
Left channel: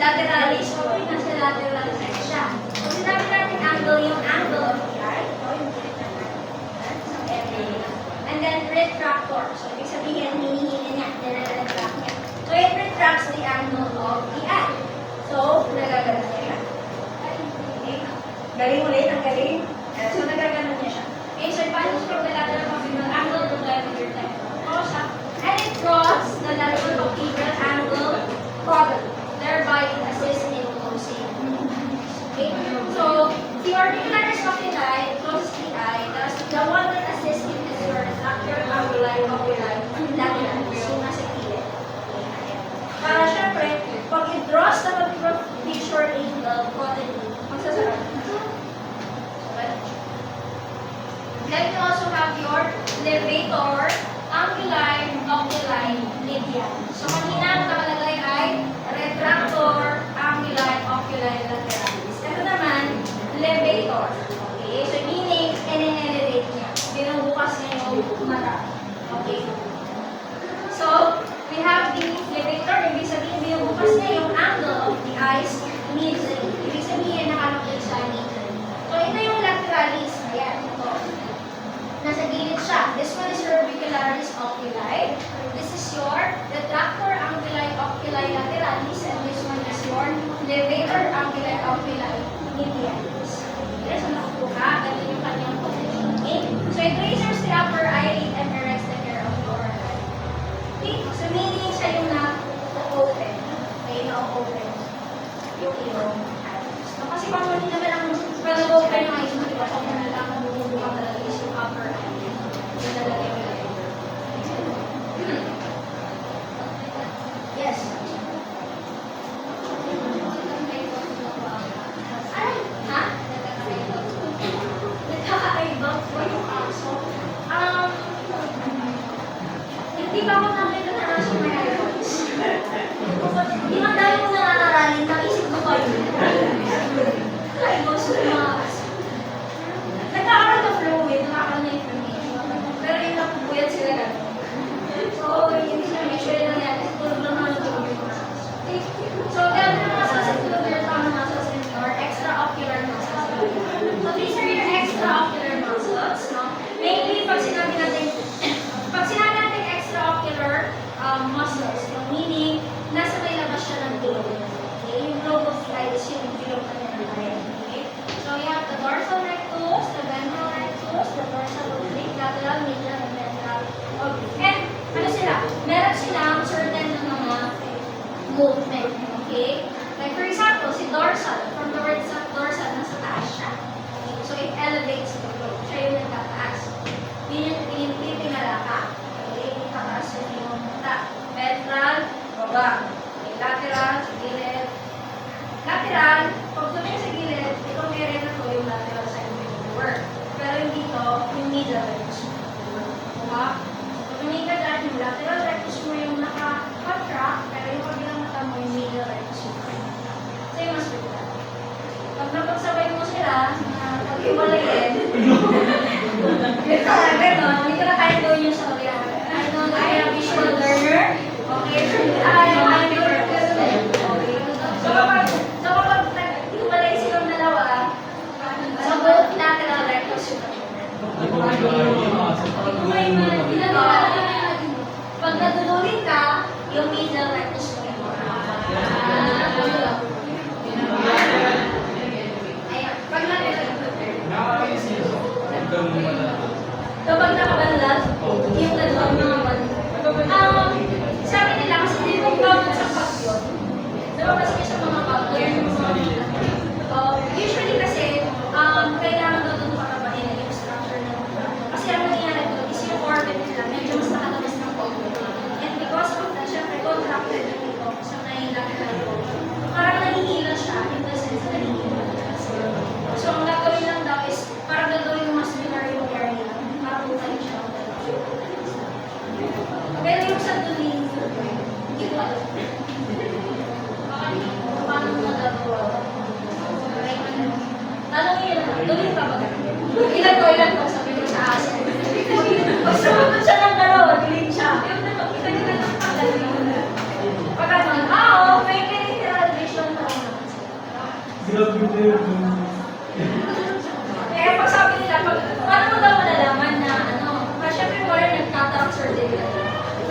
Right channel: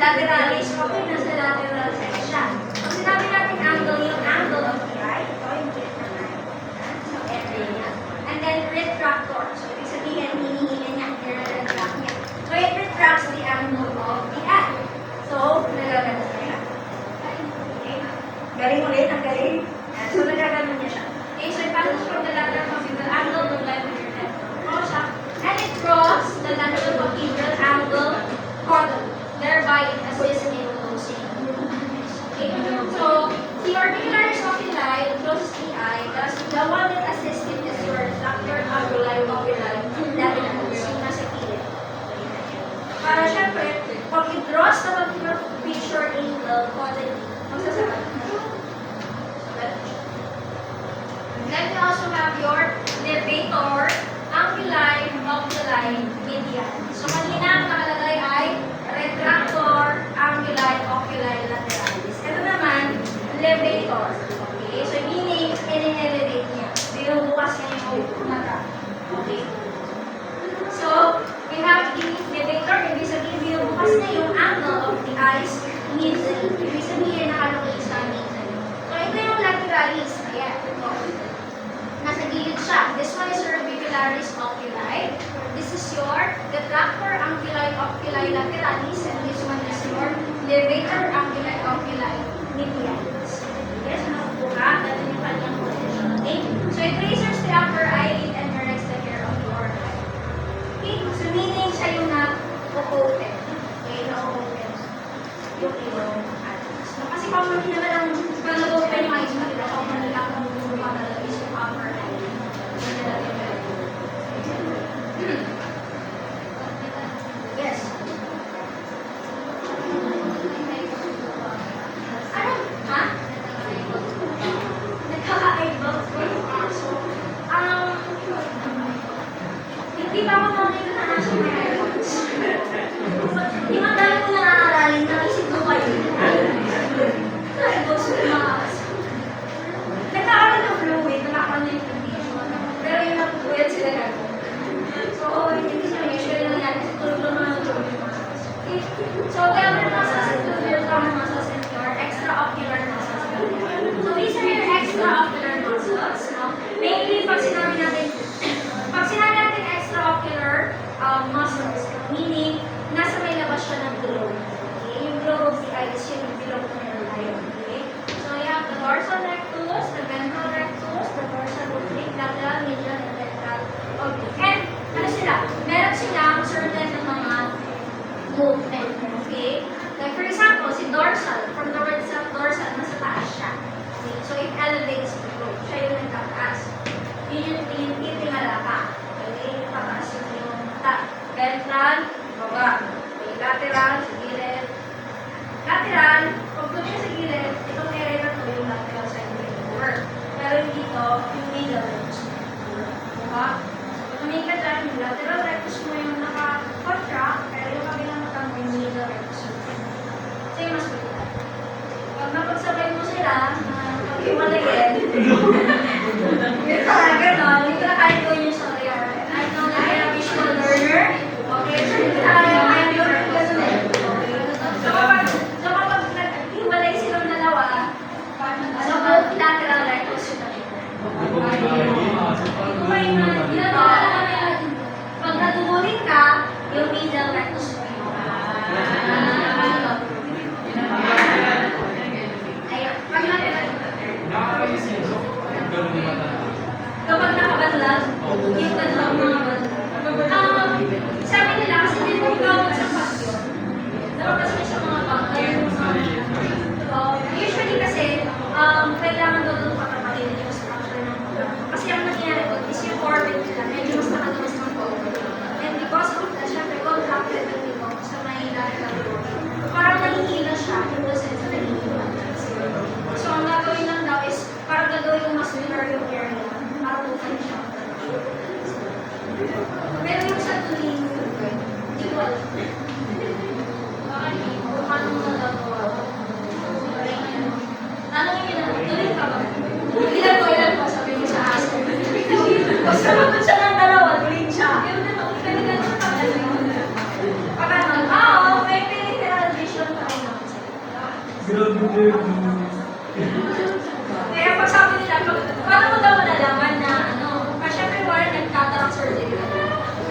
Lateralis, okay, nasa lateral side siya. So, sinabi natin angle, yung angle of the eye. Ito, yung gitna ng eye. So, area. And then, retractor. So, ibig sabihin, hinihilin niya, nire-retract niya. So, it retracts the angle of the eye. So, nagaganon niya. Okay? Galing ulit, ang galing. So, nagaganon niya siya. Okay, so it passes from the lateral palpebral angle to the left of your temple. And it draws the lateral palpebral angle caudally. Thereby, it assists in closing. Okay? So, the orbicularis oculi, closes the eye, thus the one that assists it is your retractor anguli oculi lateralis, yung nasa kilid. Para syempre, pag it draws the palpebral fissure angle caudally, magsasarap. So, ganun siya. Then we also have your levator anguli oculi median. So, kanina nakalagay ay retractor anguli oculi lateralis. Ito naman, levator. Okay? So, meaning, in-elevate niya. Binubukas niya yung mata. Okay? So, We have the levator, ibig sabihin binubukas niya yung angle of the eyes middle. Ibig sabihin nakalukit siya middle. So ito yung lateralis. Ayan, ito. Nasa gilid siya. This one is your orbicularis oculi. This is your retractor anguli oculi lateralis, and this one is your levator anguli oculi medialis. Okay, so nakupo ka. Ganun yung kanyang position. Okay? So it raises the upper eyelid and erects the hair of the lower eye. Okay? So meaning siya yung na-open. Okay, na-open. Yung ilaw. So kasi common naman ang nag-open yung eyes mo, diba? Common lang ang bumubuka talaga is yung upper eyelid. Yun talaga yung yes. Ano? Ha? Nagkaka-eyeball? So, hindi ba ako nakita na nasa may eyeballs? Yung ang dami ko nangangaralin, nakisip ko ba yun? Eyeballs ko makas. Nagkakaroon ng fluid, nakakaroon ng inflammation. Pero yun ang puyat sila gano'n. So, hindi siya usually nangyari kasi tulog lang naman yung tulog. So, gano'n muscles include common muscles and your extraocular muscles. So, these are your extraocular muscles. No? Mainly, pag sinabi natin extraocular muscles, no? Meaning, nasa may labas siya ng globe. Okay? Yung globe of the eye is yung globe ng your eye. Okay? So, you have the dorsal rectus, the ventral rectus, the dorsal oblique, lateral, medial, and ventral oblique. And, ano sila? Meron silang certain mga movement. Okay? Like, for example, si dorsal, from the word sa dorsal, nasa taas siya. Okay? So, it elevates the globe. Siya yung nagtataas. Yun yung tinitingala ka. Okay? Pataas yung mata. Ventral, baba. Okay? Lateral, sa gilid. Lateral, pag tumingin sa gilid, itong area na to yung lateral side of your work. Pero yung dito, yung middle rectus mo. Diba? So, tumingin ka dyan, yung lateral rectus mo yung naka-contract, pero yung kabilang mata mo yung middle rectus mo. So, yung mas good. Pag napagsabay mo sila, pag-iwalayin, ito na, gano'n, hindi ko na kaya gawin yung sorry. I know that you're a visual learner. Okay? So, hindi na kaya gawin okay? So, kapag nag-iwalay silang dalawa, so, both lateral rectus yun. Pag natulin ka, yung medial rectus mo yun. Ayun. Pag kapag nakabanlag, yung tatawag mga banlag. Sabi nila, kasi hindi mo common sa pag yun. Diba kasi sa mga pag-yun? Usually kasi, kailangan daw doon patapain yung structure ng mga. Kasi ang nangyayari doon is yung orbit nila, medyo mas nakalabas ng orbit. And because of that, syempre, contracted yung ito sa may lateral portion. Parang nahihina siya, in the sense na nahihina. So, ang gagawin lang daw is, parang gagawin yung muscular yung area, para bukan siya. Pero yung sa tuloy, hindi ko alam. Paano mo nagagawa? Tanong nyo na, tuloy ka ba? Ilan ko, sabi niya sa aso. Pag sumunod siya ng dalawa, tuloy siya. Yung kanina na pagkala. Pag ano, may peripheral vision na ako naman siya. Kaya pag sabi nila, paano mo daw malalaman na syempre wala nagkatarak surgery.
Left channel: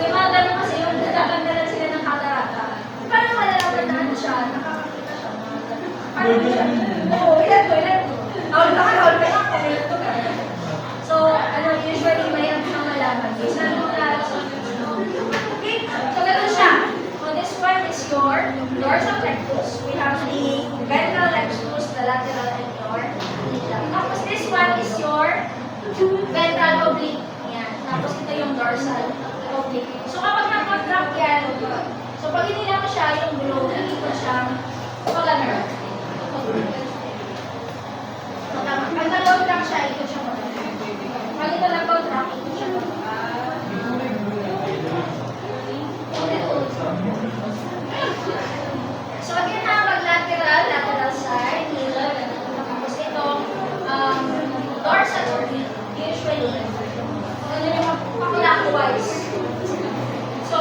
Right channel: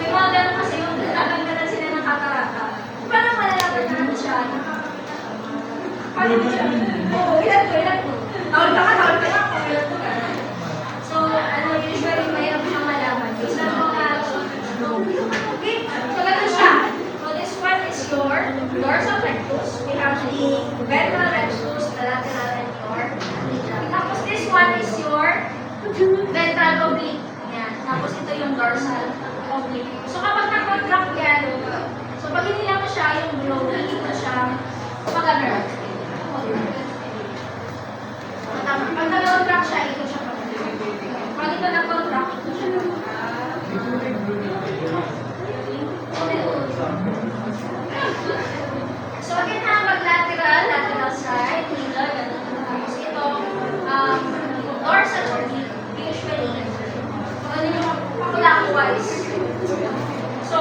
May mga ganun kasi yung tatanggalan sila ng katarata. Paano malalaman na ano siya, nakakakita siya, mga ganun. Paano mo siya? Oo, ilan ko. Awal ka, ilan ko. So, usually may siyang malaman. Okay, so ganun siya. So this one is your dorsal rectus. We have the ventral rectus, the lateral and your medial. Tapos this one is your ventral oblique. Yan. Tapos ito yung dorsal oblique. So kapag nag-contract yan, so pag hinila mo siya, yung blow, hindi mo siya mag-ganun. Pag nag-contract siya, ito siya mag-ganun. Pag ito nag-contract, ito siya mag-ganun. So again na, mag-lateral side, middle, ganun. Tapos ito, dorsal oblique, usually, ano yung clockwise. So,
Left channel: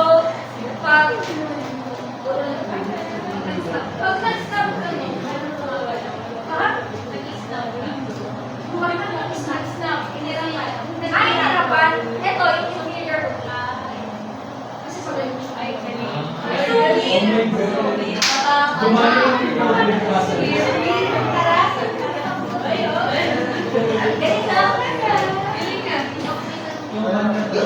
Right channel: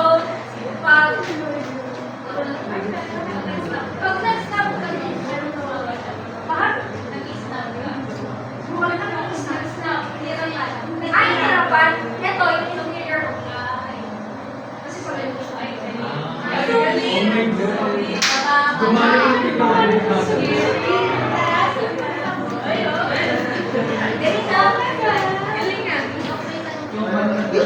May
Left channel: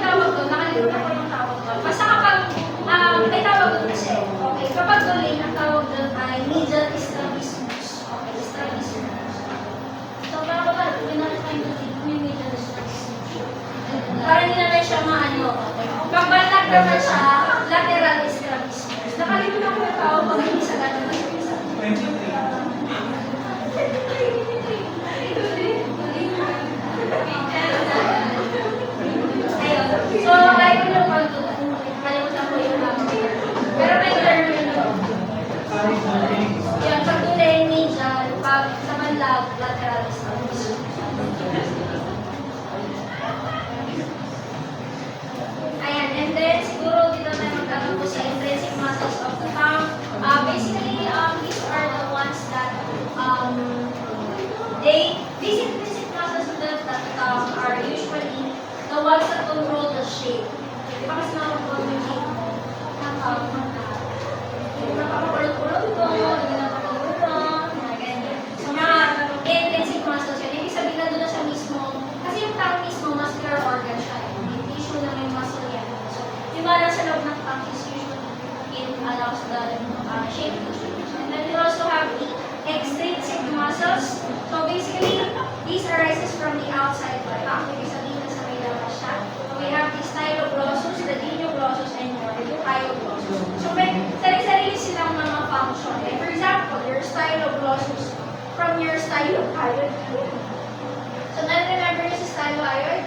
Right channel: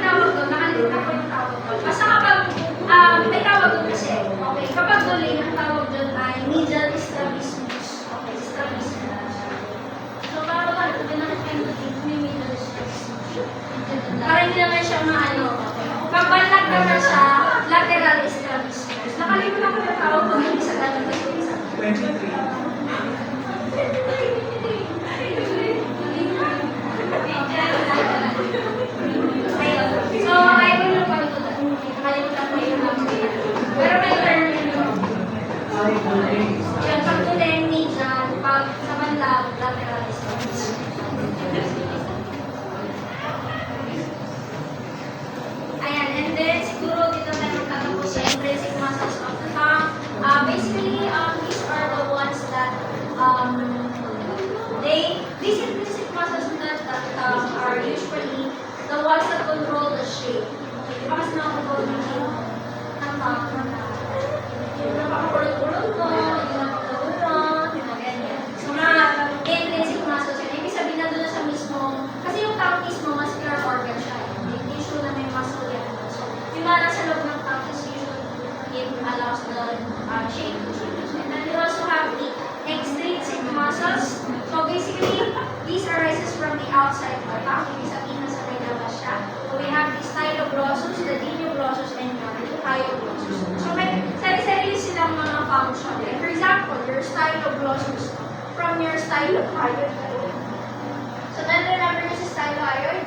tawag doon. Nakalimutan ko yung tawag doon. Basta kapag, may tawag doon kasi. Okay, kapag duling, ang tawag doon ay medial strabismus. Okay, strabismus. So, parang ba, kind of thing, may medial strabismus. Para hindi naman siya maano. Pagbalak naman siya, lateral strabismus. Nakalimutan ko yung tawag doon. Hindi sa ganun. 23. So, I will look on to that. Nakalimutan ko yung number. Pero may term yun doon. Yan, pag tuloy, medial, pag sa manlab, lateral strabismus. Ayan, and then siguro dito tayo magkakapo si intrinsic muscles of the tongue. Basically, these are the ones that these intrinsic muscles of the tongue are usually the ones that control the shape. Di ba kasi nakakontrol yung shape mo? Yung napakakulot-kulot ko, yung napakakulot, mga ganyan. So, mga intrinsic muscles yun. Ibig sabihin na doon na siya mismo, kasi yung tongue mismo, muscular organ siya. May tissue na may muscle yan. So, yung mga nasa loob ng tongue is usually it allows the shape to change. And then we also have the extrinsic muscles. So basically, these arises from the outside of the tongue. Ibig sabihin na sa may labas siya. So we have the styloglossus, the genioglossus, and your hyoglossus. So may sarili-sarili silang mga function. Like for example, your styloglossus from your stylohyoid. So na-remember niyo si stylohyoid?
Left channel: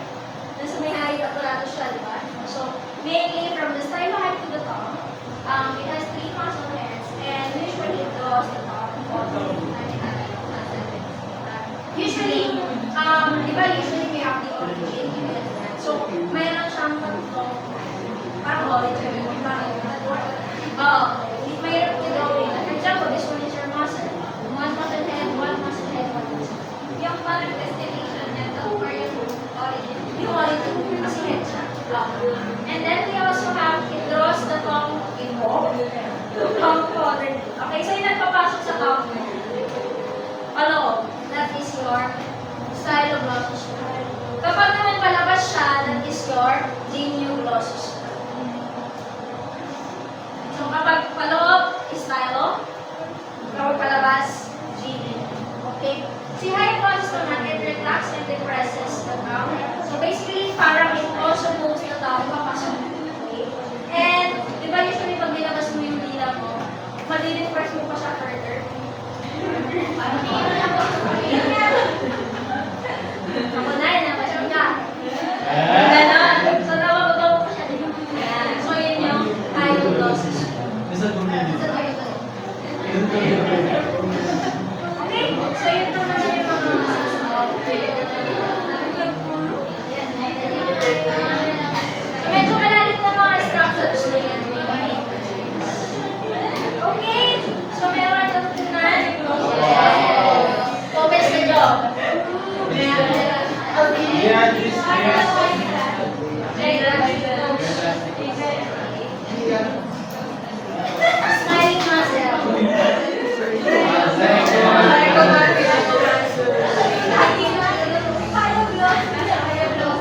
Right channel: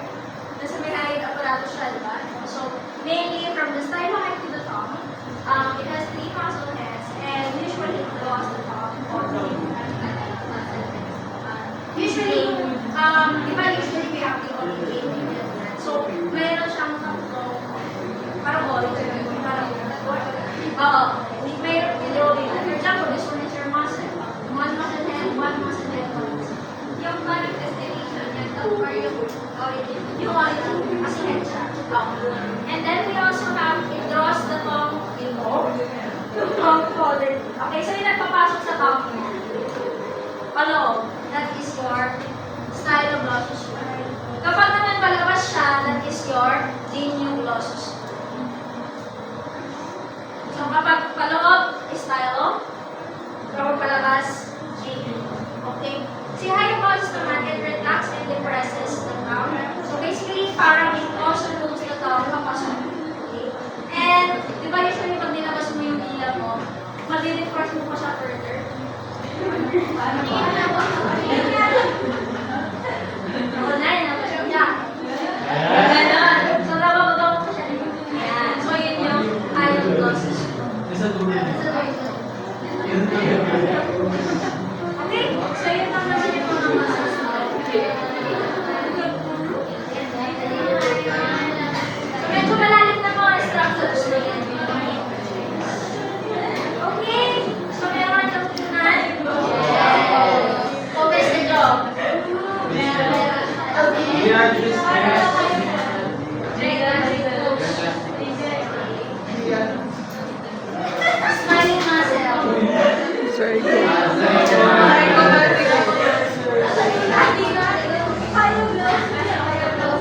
Nasa may hyoid apparatus siya, di ba? So mainly from the stylohyoid to the tongue, it has 3 muscle heads, and usually it draws the tongue or usually, di ba usually we have the origin, so mayroon siyang tatlong, parang origin, mayroon i-drawing. For example, this one is your muscle, 1 muscle head, 1 muscle head, 1 muscle. Yung manifestation niya, or yung origin, kasi head siya. And then we also have, it draws the tongue tongue quadrant. Okay, so yung nagpapasok sa tongue mo. Paloob, that is your styloglossus. Kapag naman palabas siya, that is your genioglossus. So kapag paloob, stylo. Kapag palabas, genio. Okay? Si hyoglossus naman, it retracts and depresses the tongue. So basically, parang it also moves the tongue papasok. Okay? And, di ba usually pag nilabas mo yung dila mo, madidepress mo pa siya further. Ako na yun, nabas mo niya. Ganon. So, nabababaw ko siya. Yan. So, yun yung hyoglossus. Okay? So, yun naman yung mga muscles. Medyo malalim na mga structures na yan. Okay? So, meron kang tunan. Comments na job.